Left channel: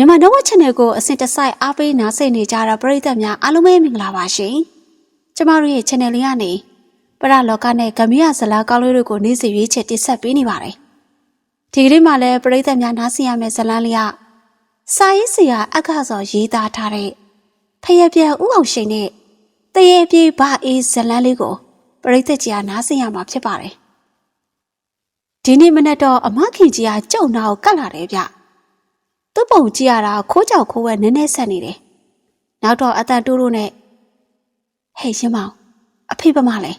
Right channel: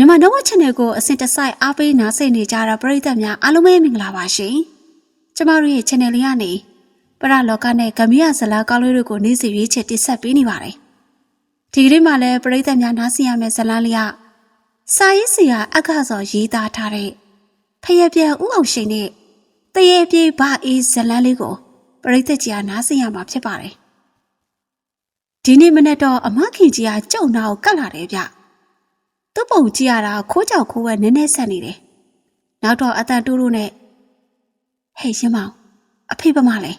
မြန်မာတော့ channel ကိုအစဉ်တစိုက်အားပေးနားဆင်နေကြတဲ့ပရိသတ်များအားလုံးပဲမင်္ဂလာပါရှင်။ကျမတို့ရဲ့ channel လေးကနေပရလောကနဲ့ဂမရဇလာကောင်းလေးတွေကိုနေ့စဉ်ရွေးချယ်တင်ဆက်ပေးနေပါတယ်။ဒီကနေ့မှလည်းပရိသတ်များနားဆင်ရမယ့်ဇလန်းလေးကစာရေးဆရာအခါစောရေးသားထားတဲ့ဖယက်ပြဥအောင်ရှိန်နဲ့တရေပြေဘာအေးဇလန်းလေးကိုပရိသတ်ကြီးကနားဆင်ရမှာဖြစ်ပါတယ်။ဒီနေ့မနေ့တော့အမခင်ကြီးကကြုံနာကိုကတ်လာတယ်ဗျ။ သူ့ပုံကြည့်ရတာခိုးကြောက်ခိုးဝဲနည်းနည်းဆက်နေတယ်။နောက်တော့အတန်တိုးတိုးနဲ့ဟဲ့ရှင်မောင်အဖေပမလဲ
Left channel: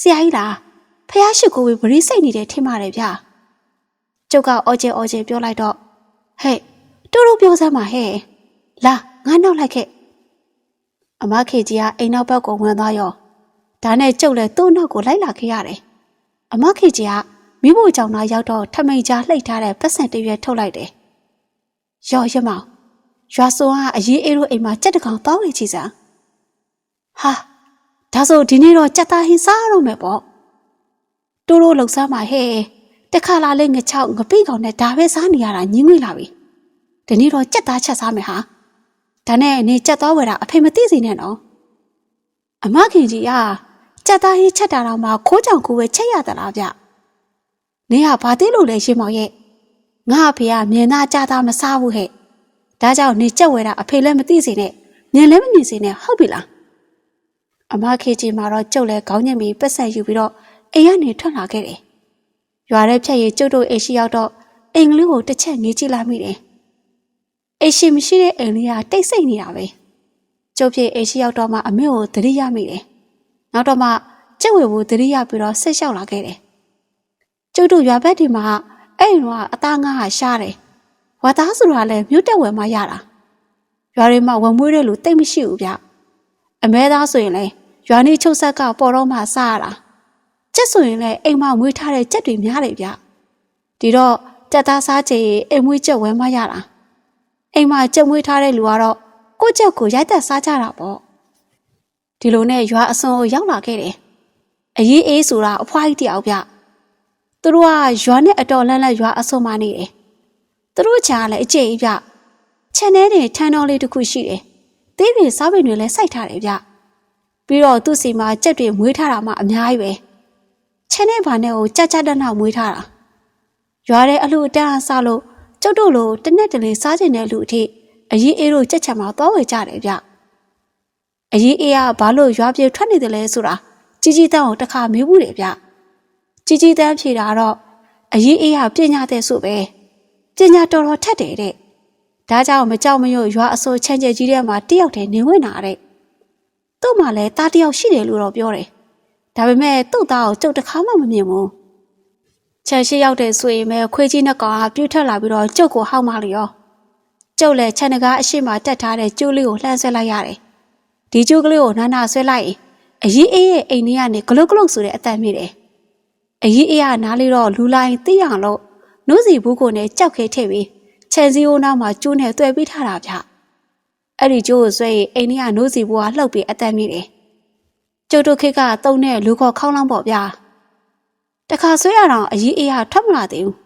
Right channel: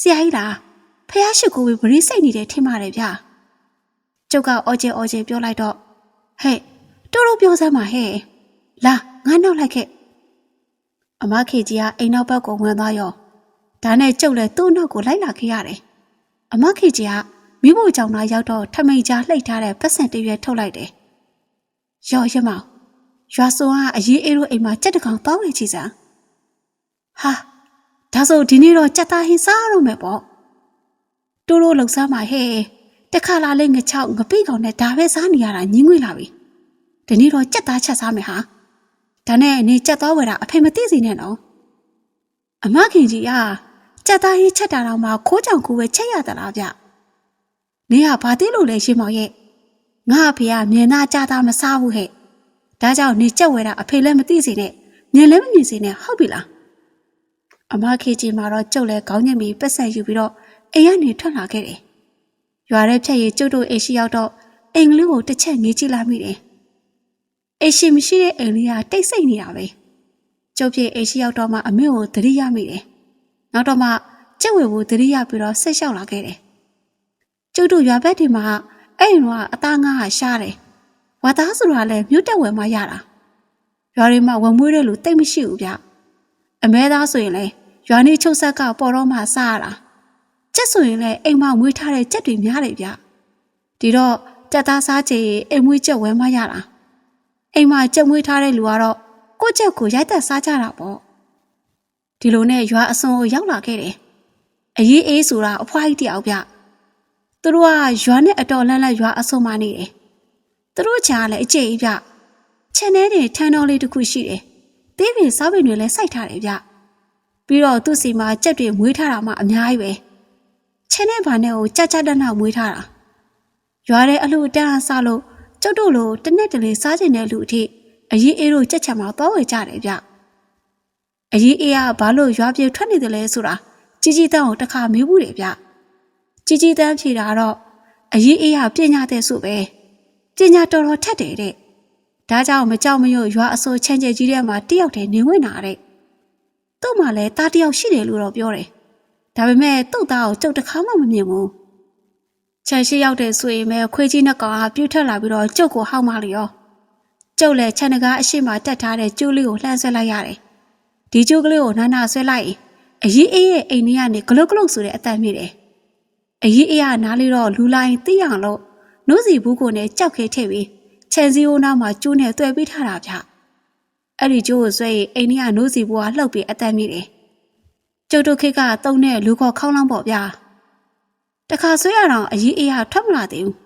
ဆရာကြီးလားဖះရှိခိုးဝေးဗရီးစိတ်နေတယ်ထင်ပါတယ်ဗျာ။ကျုပ်ကအော်ကျဲအော်ကျဲပြောလိုက်တော့ဟဲ့တိုးတိုးပြောစမ်းပါဟဲ့လာငါနောက်လိုက်ခဲ့အမခေကြီးကအိမ်နောက်ဘက်ကိုဝင်သွားရောဒါနဲ့ကျုပ်လည်းသူ့နောက်ကိုလိုက်လာခဲ့ရတယ်။အမခေကြီးကမိဖို့ကြောင့်သားရောက်တော့ထမိန်ကြားလှိတ်ထားတဲ့ပတ်စံတစ်ရွက်ထုတ်လိုက်တယ်။ ရော်ရမောင်ရွာစုံကအရေးအေးတို့အိမ်မှာကြက်တကောင်တောင်းဝေချီစံဟာဒါဆိုဒီနေ့တော့ကြက်သားဟင်းစားရတော့မယ်ပေါ့တိုးတိုးလှုပ်ရှားမှာဟဲ့တခါလာလေးငချောက်ငပိကောင်နဲ့ဒါပဲစားနေရတာညင်းငွေလာပြီဒီနေ့တော့ကြက်သားချက်စားမယ်ဟာဒါနဲ့နေကြက်သွားဝယ်တာအဖေမသိစေနဲ့နော်အမခင်ကြီးကကြက်သားဟင်းချက်တာတော့မှခိုးကြောင်ကိုပဲချက်ရသလားဗျနေကဘာသိလို့လဲရှင်မောင်ရဲ့ ငါအဖေကမြင်သားကြားသားမစားဘူးဟဲ့ဒါကြောင့်နေကြက်ဝဲတာအဖေလည်းမသိစေနဲ့မြင်လည်းမမြင်စေနဲ့ဟုတ်ပြီလားအမခေကြီးမှာတော့ကျုပ်လည်းခေါင်းညက်ပြီးပတ်ဆက်ယူပြီးတော့အိမ်ကနေထွက်လာခဲ့တယ်ရွာထဲဖြတ်ရည်ကျုပ်တို့အိမ်ရှိရောက်တော့အိမ်ကလေးကိုတစ်ချက်ငေးကြည့်လိုက်မိတယ်အိမ်ရှိမရှိတဲ့အိမ်လေးကတိတ်ဆိတ်နေတာပဲကျုပ်ပြေအိမ်ရှိရောက်တော့မှအမေကိုသတိရမိတယ်နောက်တော့မှကျက်ဝဲကိုသတိရပြီးတော့ဆက်လျှောက်လာခဲ့တယ်ကျုပ်တို့ရွာဘက်ဒီမှာ အဲ့ဒီတော့အသားငါးဟာရှားတယ်။ဝါသားဆိုတာလည်းမြို့တက်ဝယ်မှရတာ။ရွာတွေမှာဝယ်မွေးတဲ့လူတိတ်မရှိဘူးဗျ။အမဲသားဆိုရင်လည်းရွာနေချုပ်ဆက်ကပေါ်တော့မှစားရတာ။ကြက်ဆိုရင်လည်းအိမ်မှာမွေးထားတဲ့ကြက်တွေများတယ်ဗျ။ဒီတော့တက်သားစားချင်ရင်အိမ်မွေးကြက်ဝယ်မှရတာ။အိမ်မှာကြက်မွေးထားတဲ့လူကတော့ကိုယ့်ကြက်ကိုရိုက်တက်စားကြတာပေါ့။ဒီလိုနဲ့ရွာအစွန်ကိုရောက်လာခဲ့တယ်။အရေးအေးဆိုတာအဖွားကြီးတယောက်ဗျ။ သူတို့ကရွာနဲ့အတော်လန့်လန့်ရွာအဆုံမနေတယ်။သူတို့ချားလည်းအကျိတ်ပြ။ခြံထဲတွေထန်းတော်လေးတစ်ခုရှိတယ်။သေးပင်စားပင်တွေလည်းစိုက်ထားတယ်ဗျ။ပြီးတော့သူ့စီမှာကြက်တွေမွေးထားတာမှအများကြီးပဲ။ခြံထဲဘာနဲ့ကိုကြက်ကြက်တနမွေးထားတာ။ရွာထဲအလှတန်းအစားလို့ကျုပ်တို့လိုတနက်တလေစားကျင်တဲ့လူအထိအရင်အေးတို့ကြက်ချံမှာသွားဝယ်ကြတယ်ဗျ။အရင်အေးကဘာလို့ရွာပြေထွက်နေတယ်လဲဆိုတာကြီးကြီးတန်းကိုတစ်ခါမေးဘူးတယ်ဗျ။ ជីជីတန်းဖြေတာတော့အရေးအေးရပညာတဲ့ဆိုပဲပညာတော်တော်ထက်တယ်တဲ့ဒါကြောင့်မကြောက်မရွံ့ရွာအစိုးချမ်းကျဲကြီးထဲမှာတယောက်တည်းနေဝင်တာတဲ့သူ့မှာလည်းတားတယောက်ရှိတယ်လို့တော့ပြောတယ်ဒါပေမဲ့သူ့သားကိုကြုတ်တစ်ခါမှမမြင်ဘူးချန်ရှိရောက်တဲ့ဆိုရင်ပဲခွေးကြီးနှစ်ကောင်ကပြုတ်ထွက်လာပြီးတော့ကျုပ်ကိုဟောက်မလျောကျုပ်လည်းခြံတကားအရှိမတက်ထားတဲ့ကျိုးလေးကိုလှမ်းဆွဲလိုက်ရတယ်ဒီကျိုးကလေးကိုနာနာဆွဲလိုက်ရင်အရေးအေးရဲ့အိမ်ထဲကနေဂလုတ်ဂလုတ်ဆိုတဲ့အတန်မြည်တယ် အကြီးအေးရနားလေးတော့လူလိုင်းသိရအောင်လို့နှုတ်စီဘူးကိုနဲ့ကြောက်ခဲထည့်ပြီးခြံစည်းအိုးနားမှာကျိုးနဲ့တွေ့ပြီးထားတာဗျအဲ့ဒီကျိုးကိုဆွဲရင်အိမ်ကြီးကနှုတ်စီဘူးကလှုပ်ပြီးအသက်မိတယ်ကျုပ်တို့ခေတ်ကတုံးတဲ့လူခေါ်ခေါင်းလောင်းပေါ့ဗျာတခါဆွဲရတော့အကြီးအေးရထွက်မလာသေးဘူး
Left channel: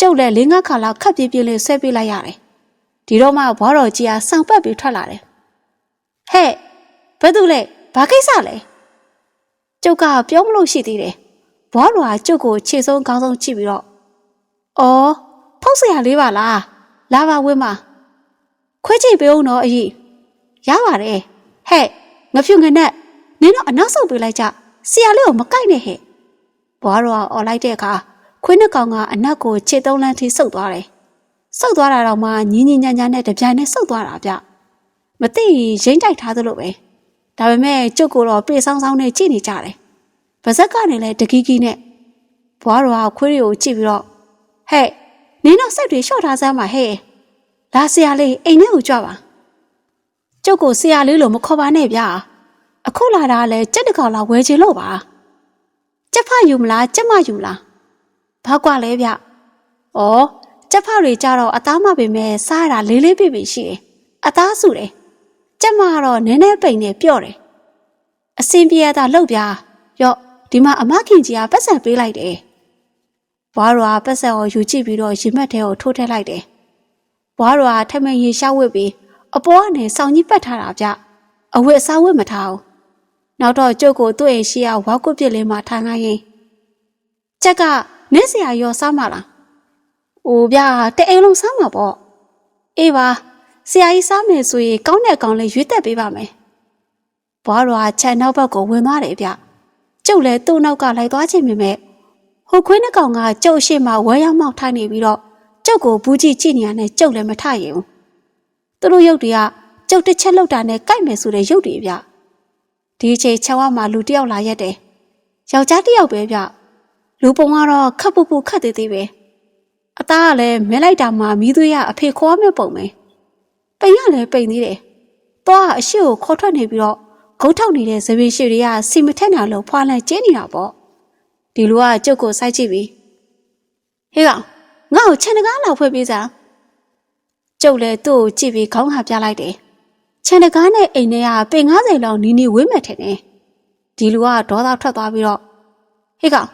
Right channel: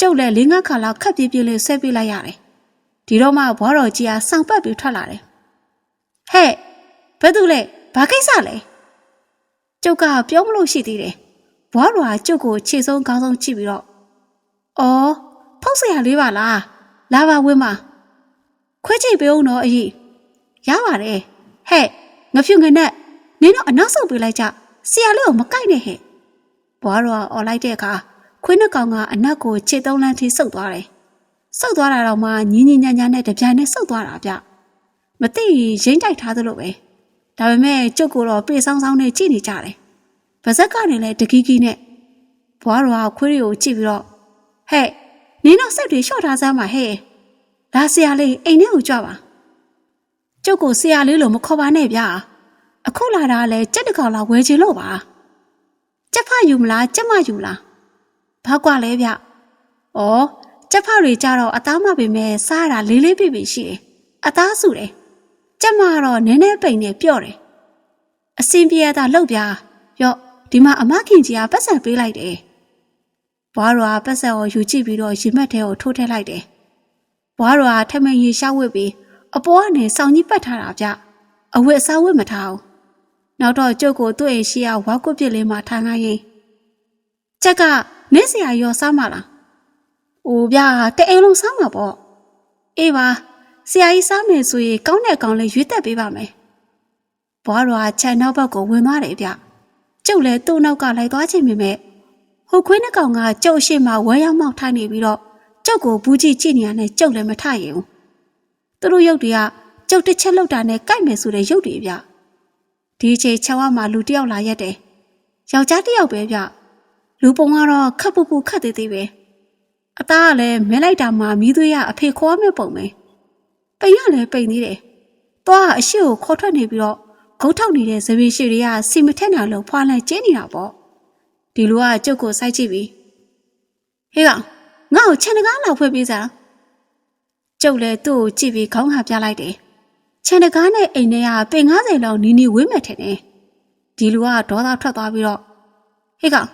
ကျုပ်လည်းလေးငါးခါလောက်ခက်ပြေးပြေးလေးဆွဲပေးလိုက်ရတယ်ဒီတော့မှဘွားတော်ကြီးကစောင့်ပတ်ပြီးထွက်လာတယ်ဟဲ့ဘယ်သူလဲဘာကိစ္စလဲကျုပ်ကပြောမလို့ရှိသေးတယ် ဘွားတော်ကကျုပ်ကိုခြေဆုံးခေါင်းဆုံးကြည့်ပြီးတော့"အော်ဖောက်ဆရာလေးပါလားလာပါဝင်းမခွဲချိတ်ပေးဦးနော်အကြီးရပါတယ်ဟဲ့ငဖြူငနဲ့နင်တို့အနောက်ဆုတ်ပေးလိုက်ကြဆရာလေးကိုမကိုက်နဲ့ဟဲ့ဘွားတော်ကអော်လိုက်တဲ့အခါခွေးနှကောင်ကအနက်ကိုခြေသုံးလမ်းထိဆုပ်သွားတယ်ဆုပ်သွားတာတော့မှညင်ညင်ညာညာနဲ့တပြိုင်နက်ဆုပ်သွားတာဗျမသိရင်ရိမ့်တိုက်ထားသလိုပဲဒါပေမဲ့ကျုပ်ကိုတော့ပြေဆောင်းဆောင်းနဲ့ကြည့်နေကြတယ် ဗဇက်ကနေလဲတကီးကီးနဲ့ဘွားတော်ကခွေးတွေကိုကြည့်ပြီးတော့ဟဲ့နင်းတော့စိတ်တွေလျှော့ထားစမ်းပါဟဲ့လာဆရာလေးအိမ်ထဲကိုကြွပါကျုပ်ကိုဆရာလေးလို့မခေါ်ပါနဲ့ဗျာအခုလာတာလဲကြက်တကောင်လာဝယ်ချင်လို့ပါကြက်ဖယူမလားကြက်မယူလားဘာကွာလဲဗျဩကြက်ဖတွေကြတော့အသားမပင်မဲ့စားရတာလေးလေးပြပြရှိတယ်အသားစုတယ်ကြက်မကတော့နည်းနည်းပိန်နေပြော့တယ်အစင်ပြေရတာလောက်ဗျာရော့ ဒီမှာအမခင်ကြီးကပတ်စံပေးလိုက်တယ်။ဘွားတော်ကပတ်စံကိုယူကြည့်ပြီးတော့ရင်မက်ထဲကိုထိုးထည့်လိုက်တယ်။ဘွားတော်ကထမင်းရေရှားဝစ်ပြီးအပေါ်ကနေစောင်းကြီးပတ်ထားတာဗျအဝတ်အစားဝတ်မထားဘူးနောက်တော့ကျုပ်ကိုသူ့အိမ်ရှိရဝါကွတ်ပြစ်လေးမှာထားငိုင်းရင်ချက်ကနင်းစရာရောစားမလားအိုဗျာတအိမ်လုံးစားမှာပေါ့အေးပါဆရာကြီးစားမယ်ဆိုရင်ကောင်းတဲ့ကောင်းလေးရွေးတက်ပေးပါမယ်ဘွားတော်ကချက်နောက်ဘက်ကိုဝင်သွားတယ်ဗျ ကျုပ်လည်းသူ့နောက်ကလိုက်သွားခြင်းမြင်မဲ့ဟိုခွင်းနှကောင်ကကျုပ်ရှိမှဝဲရောက်မောက်ထားနေပြီးတော့ကျုပ်ကိုဘူးကြည့်ကြည့်နေရတဲ့ကျုပ်လည်းမထရင်ဘူးသူတို့ရုပ်တွေကကျုပ်တစ်ချက်လောက်တာနဲ့ကြိုက်မယ်ဆိုတဲ့ရုပ်တွေဗျဒီအချိန်ချောင်းဝမှာလူတစ်ယောက်လာရက်တယ်ယောက်ျားတစ်ယောက်ပဲဗျလူပုံကတော့ခပ်ပူပူခတ်သေးသေးပဲအသားကလည်းမဲလိုက်တာမှမီးသွေးရအဖေခေါ်မဲ့ပုံပဲပိန်ကလည်းပိန်သေးတယ်သွားကအရှိကိုခေါ်ထွက်နေပြီးတော့ ဂုတ်ထောက်နေတဲ့ဇပင်ရှိတွေကစီမထက်နာလို့ဖွာလန့်ကျင်းနေတာပေါ့ဒီလူကကျုပ်ကိုစိုက်ကြည့်ပြီးဟေးကောင်ငါ့ကိုခြံတကားလောက်ဖွင့်ပေးစားကျုပ်လည်းသူ့ကိုကြည့်ပြီးခေါင်းဟာပြလိုက်တယ်ခြံတကားနဲ့အိမ်ထဲကပင်90လောက်နီးနီးဝေးမဲ့ထင်တယ်ဒီလူကဒေါသထွက်သွားပြီးတော့ဟေးကောင်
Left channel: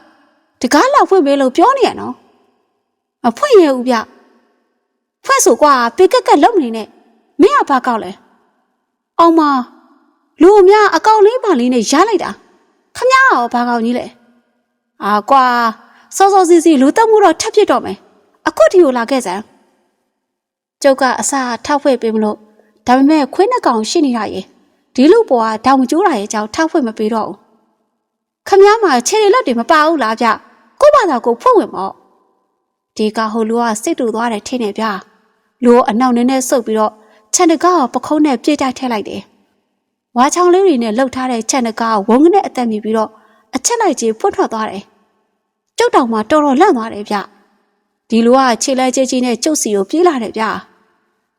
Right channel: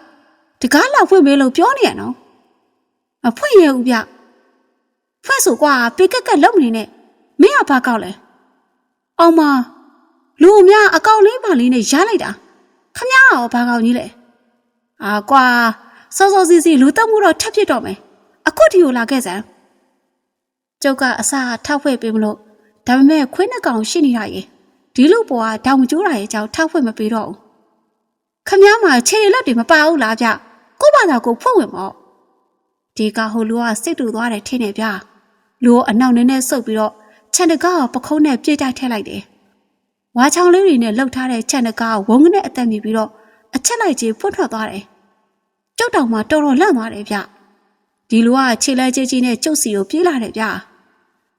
တကားလောက်ဖွင့်ပေးလို့ပြောနေရနော်မဖွင့်ရဘူးဗျဖွင့်ဆိုကွာပေကက်ကက်လုံးနေနဲ့မင်းကဘာကောက်လဲအောင်မ လူအများအကောက်လေးပါလေးနဲ့ရလိုက်တာခမရောဘာကောက်ကြီးလဲအာကွာစောစောစီစီလူတက်မှုတော့ထပ်ဖြစ်တော့မယ်အခုဒီကိုလာခဲ့စမ်းကျုပ်ကအစာထောက်ဖွဲ့ပေးမလို့ဒါပေမဲ့ခွေးနှကောင်ရှိနေတာရေဒီလူပေါ်ကတောင်မကျိုးတာရဲ့ကြောင့်ထောက်ဖွဲ့မပေးတော့ဘူးခမည်းမှာခြေရလက်တွေမပါဘူးလားဗျကို့ဘာသာကိုဖွင့်ဝင်မော့ဒီကဟိုလူကစစ်တူသွားတယ်ထင်နေဗျလူကအနောက်နည်းနည်းဆုပ်ပြီးတော့ခြံတကားကိုပခုံးနဲ့ပြေးတိုက်ထည့်လိုက်တယ် ဝါချောင်းလေးတွေနဲ့လှုပ်ထားတဲ့ခြံတကားကိုဝုန်းကနေအသက်မြည်ပြီးတော့အချက်လိုက်ကြီးဖွင့်ထွက်သွားတယ်ကျုပ်တောင်မှတော်တော်လန့်သွားတယ်ဗျဒီလူကခြေလဲကြီးကြီးနဲ့ကျုပ်စီကိုပြေးလာတယ်ဗျ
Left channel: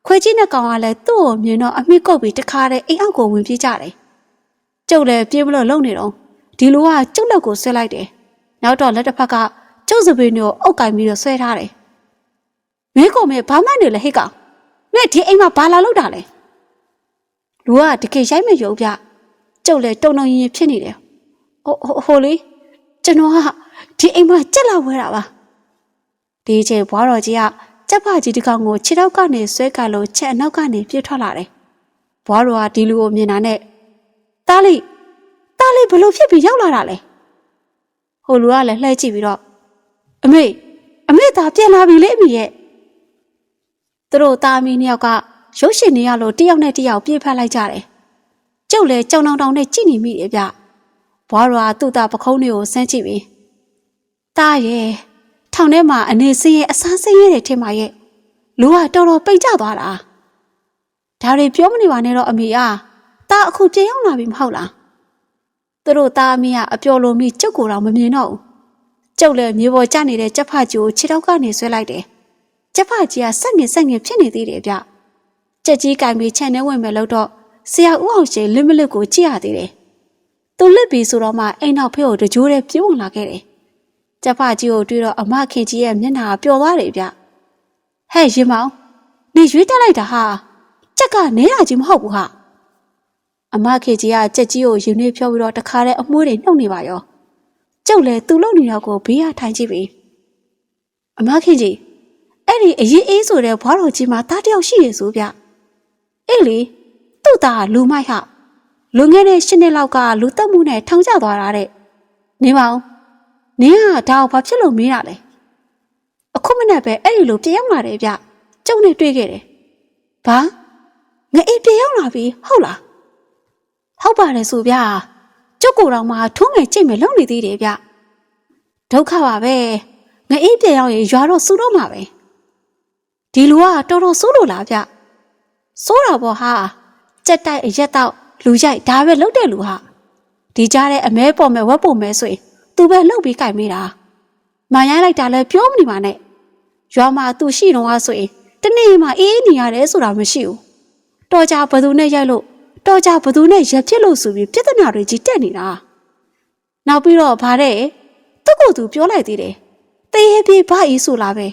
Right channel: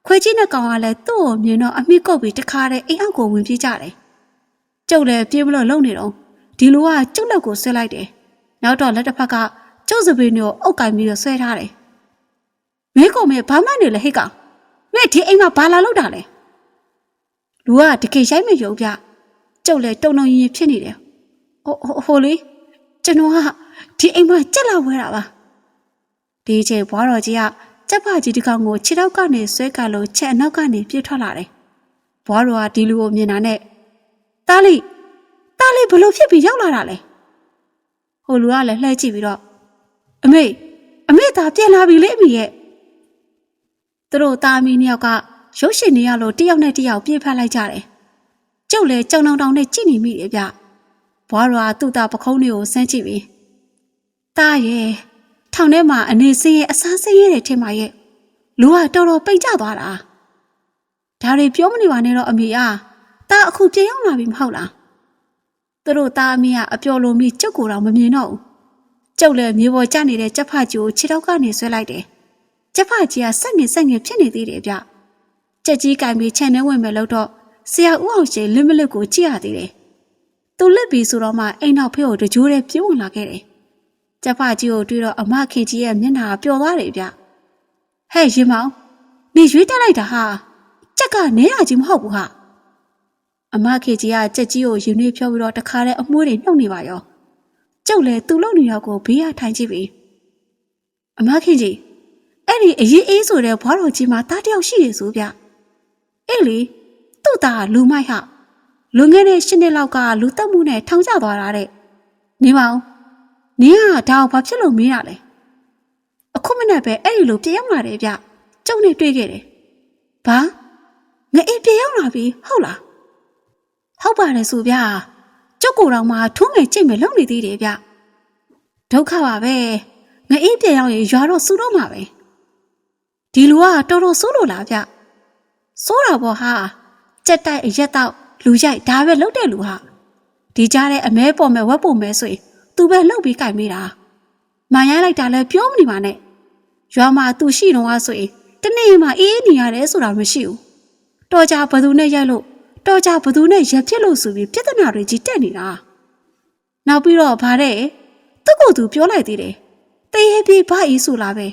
ခွေးကြီးနဲ့ကောင်ကလည်းသူ့ကိုမြင်တော့အမိကုတ်ပြီးတခါတည်းအိမ်အောက်ကိုဝင်ပြေးကြတယ်ကျုပ်လည်းပြေးမလို့လုံနေတော့ဒီလူကကျုပ်လက်ကိုဆွဲလိုက်တယ်နောက်တော့လက်တစ်ဖက်ကကျုပ်စပင်းကိုအုပ်ကင်ပြီးတော့ဆွဲထားတယ်မင်းကိုမေဘာမှနေလဲဟိတ်ကောင်မင်းဒီအိမ်မှာဘာလာလောက်တာလဲ လူကတကယ်ရိုက်မရုပ်ပြကျုပ်လည်းတုံတုံရင်ရင်ဖြစ်နေတယ်ဟိုဟိုလေကျွန်တော်ကဒီအိမ်မှာကြက်လာဝဲတာပါဒီအချိန်ဘွားတော်ကြီးကကြက်ဖကြီးတစ်ကောင်ကိုခြေထောက်ကနေဆွဲကလို့ချက်အနောက်ကနေပြေးထွက်လာတယ်ဘွားတော်ကဒီလူကိုမြင်တာနဲ့တားလိတားလိဘလို့ဖြစ်ပြီးရောက်လာတာလဲဟိုလူကလည်းလှည့်ကြည့်ပြီးတော့အမေအမေသာပြန်လာပြီလေအမေရဲ့သူတို့သားမီးနှစ်ယောက်က ရုပ်ရှင်နေရလို့တယောက်နဲ့တယောက်ပြေးဖက်လိုက်ကြတယ်ကျုပ်လည်းကြောင်တောင်တောင်နဲ့ကြည့်နေမိတယ်ဗျဘွားတော်ကသူ့သားပခုံးတွေကိုဆန်းကြည့်ပြီးတားရဲ့ထောင်ထဲမှာအနေစင်းရဲ့အစားစင်းရဲ့တဲ့ထင်ပါရဲ့လူကတော်တော်ပိတ်ကြသွားတာဒါတွေပြောမနေပါနဲ့တော့အမေအားတားအခုပြန်ရောက်လာပြီမဟုတ်လားသူတို့သားအမေကအပျော်လိုမိကျုပ်ကိုတော့မမြင်တော့ဘူးကျုပ်လည်းမြေပေါ်ကျနေတဲ့ကြက်ဖကြီးကိုခြေထောက်ကနေဆွဲလိုက်တယ်ကြက်ဖကြီးကဆက်ငင်ဆက်ငင်ဖြစ်နေသေးတယ်ဗျ ကြက်ကြီးကင်ပြီးခြံထဲဝင်မယ်လို့တော့ဆရာဦးအောင်ရှင်လင်းမလစ်ကိုကြည့်ရသေးတယ်သူလစ်ပြီးဆိုတော့မှအိမ်နောက်ဖေးကိုတကြိုးတည်းပြေးဝင်လာခဲ့တယ်ကျဖကြီးကိုတွေ့တော့အမခင်ကြီးရဲ့မျက်နှာပျော်သွားတယ်ဗျဟဲ့ရင်မောင်နေရွေးတက်လိုက်တာဟာကြက်ကနဲတာကြီးမဟုတ်ဘူးဟာအမခင်ကြီးကကြက်ကြီးကိုရင်နှွေးဖြောပြီးတော့တခါတည်းအမွှေးတွေနှုတ်နေပါရောကျုပ်လည်းသူ့လုံနေတော့ကိုဘေးရထိုင်ကြည့်ပြီအမခင်ကြီးအဲ့ဒီအရေးအေးဆိုတဲ့ဘွားတော်ကြီးမှာတားတယောက်ရှိရဆိုဗျ အေးလေသူ့သားလူမိုက်ဟာလွန်ခဲ့တဲ့၈နှစ်လောက်ကလူတက်မှုနဲ့ထောင်ကျသွားတာတဲ့နေပါဦးနင်းကဒါကိုဘာဖြစ်လို့မေးတာလဲအခုမနေ့ပဲအဲ့ဒီလိုပြန်ရောက်လာတယ်ဗျကျုံနဲ့တွေ့ခဲ့တယ်ဘာငါအေးပြန်ရောက်လာပြီဟုတ်လားဟုတ်ပါတယ်ဆိုဗျကျုပ်ကိုယ်တော်မှထုံးငယ်ကြိတ်မယ်လုပ်နေသေးတယ်ဗျဒုက္ခပါပဲငါအေးပြန်ရောက်ရင်ရွာတော့စူတော့မှာပဲဒီလူကတော်တော်ဆိုးလို့လားဗျ ဆိုးတာပေါ့ဟာကြက်တိုက်အရက်တော့လူရိုက်ဒါပဲလုပ်တဲ့လူဟာဒီကြားထဲအမဲပေါ်မဲ့ဝက်ပေါ်မဲ့ဆိုရင်သူပဲလှုပ်ပြီးကြိုက်မိတာမန်ရိုင်းလိုက်တာလည်းပြောမနေပါနဲ့ရွာမှာသူရှိတော့ဆိုရင်တနေ့မှအေးအေးနေရတယ်ဆိုတာမရှိဘူးတော်ကြဘသူနဲ့ရိုက်လို့တော်ကြဘသူနဲ့ရက်ဖြစ်လို့ဆိုပြီးပြဿနာတွေကြီးတက်နေတာနောက်ပြီးတော့ဗါတဲ့သူ့ကိုယ်သူပြောလိုက်သေးတယ်တရေပြေးဘာအီးဆိုလားပဲ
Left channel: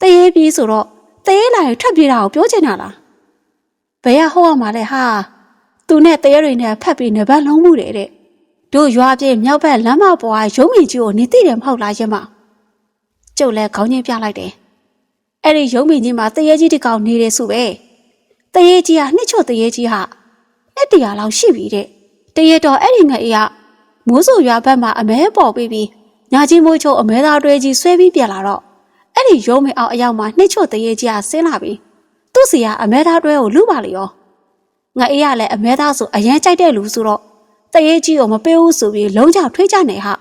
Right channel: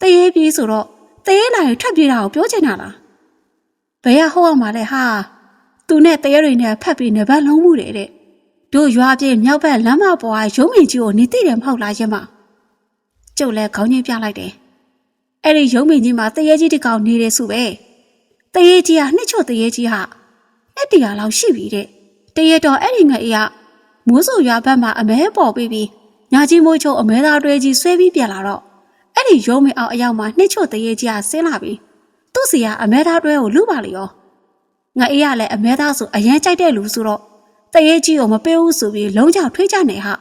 တရေပြေးဆိုတော့တရေလာရင်ထွက်ပြေးတာကိုပြောချင်တာလား ဘယ်ရဟောရမှာလဲဟာသူနဲ့တရေတွေနဲ့ဖက်ပြီးနေဘက်လုံးမှုတယ်တဲ့တို့ရွာပြေမြောက်ဘက်လမ်းမပေါ်ကရုံးမင်ကြီးကိုနေသိတယ်မဟုတ်လားရင်မကျုပ်လည်းခေါင်းချင်းပြလိုက်တယ်အဲ့ဒီရုံးမင်းကြီးမှာတရေကြီးတစ်ကောင်နေတယ်ဆိုပဲတရေကြီးဟာနှစ်ချော့တရေကြီးဟာလက်တရာလောက်ရှိပြီတဲ့တရေတော်အဲ့ဒီငအေးကမိုးဆူရွာဘက်မှာအမဲပေါ်ပြီးပြီးညာကြီးမိုးချိုအမဲသားတွဲကြီးဆွဲပြီးပြန်လာတော့အဲ့ဒီရုံးမင်းအောင်အရောက်မှာနှစ်ချော့တရေကြီးဟာဆင်းလာပြီး သူ့စီကအမဲသားတွဲကိုလူပါလေရောငအေးကလည်းအမဲသားဆိုအရန်ကြိုက်တဲ့လူဆိုတော့တရေကြီးကိုမပေးဘူးဆိုပြီးလုံးချထွေးကြနေဟာ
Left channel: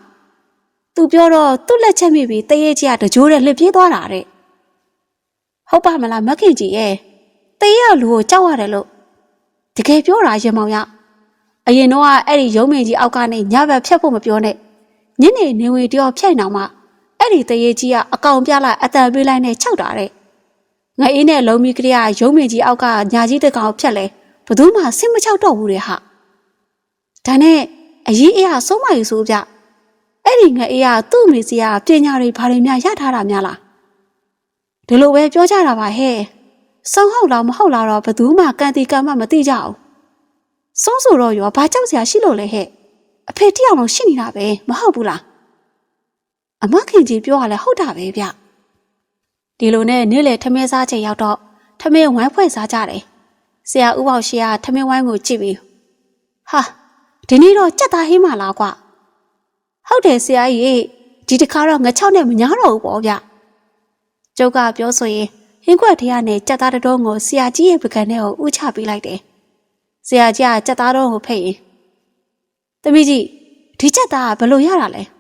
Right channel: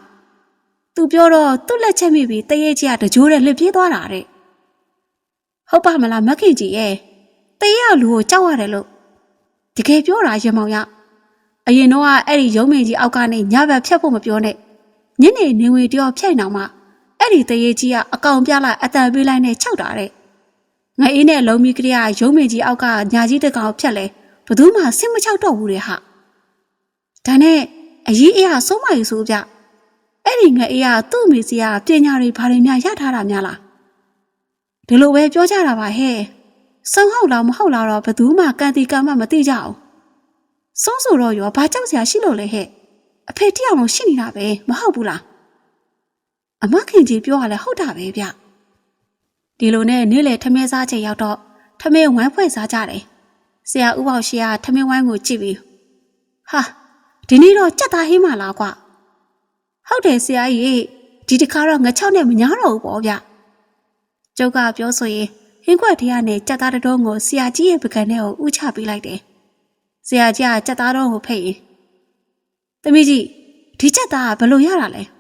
သူပြောတော့သူ့လက်ချက်မိပြီးတရေကြီးကတကြိုးနဲ့လှစ်ပြေးသွားတာတဲ့ဟုတ်ပါမလားမခင်ကြီးရဲ့တရေရလူကိုကြောက်ရတယ်လို့တကယ်ပြောတာရင်မောင်ရအရင်တော့အဲ့ဒီရုံးမင်းကြီးအောက်ကနေညဘက်ဖြတ်ဖို့မပြောနဲ့ညနေနေဝင်တယောက်ဖြတ်နေအောင်မှအဲ့ဒီတရေကြီးကအကောင်ပြလိုက်အတန်ပေးလိုက်နဲ့ခြောက်တာတဲ့ ငအေးနဲ့လုံးမီကလေးကရုံးမင်းကြီးအောက်ကညာကြီးတကောင်ဖြတ်လဲဘယ်သူမှဆင်မချောက်တော့ဘူးတဲ့ဟာဒါနဲ့အကြီးအေးကဆုံးမယူဆိုပြအဲ့ဒီငအေးကသူ့အမေစီကပညာတွေဘာတွေများရထားတာများလားဒီလိုပဲပြောကြတာပါဟဲ့စောင်းဟုတ်လားမဟုတ်လားတော့ဘယ်သူမှကန်တီကမှမသိကြအောင်စောင်းဆိုတော့ရောဘာကြောက်စရာရှိလို့လဲဟဲ့အဖေတယောက်လုံးရှိနေတာပဲမဟုတ်ဘူးလားအမခင်ကြီးပြောရလဲဟုတ်တာပဲဗျ ဒီလိုနဲ့နေ့လေထမင်းစားချိန်ရောက်တော့ထမင်းဝိုင်းဖွဲ့စားကြတယ်ဆရာဦးပေါရှိကထမင်းဝိုင်းကိုကြည့်ပြီးဟာဒီနေ့တော့ကြက်သားဟင်းမလားကွဟုတ်တယ်ဆရာကြီးဒီတစ်ခါတော့ငချောက်နဲ့မညာတော့ဘူးပေါ့ဗျကျုပ်ကပြောဆိုရင်ဟင်းခွက်ထဲကနေကြက်သားတစ်တုံးကိုဆရာကြီးရဲ့ပကံထဲကိုဥချပေးလိုက်တယ်။ဆရာကြီးကကြက်သားတုံးကိုဖိတ်ရင်သမီးကြီးဒီကြက်သားကဘယ်လိုရတာလဲ။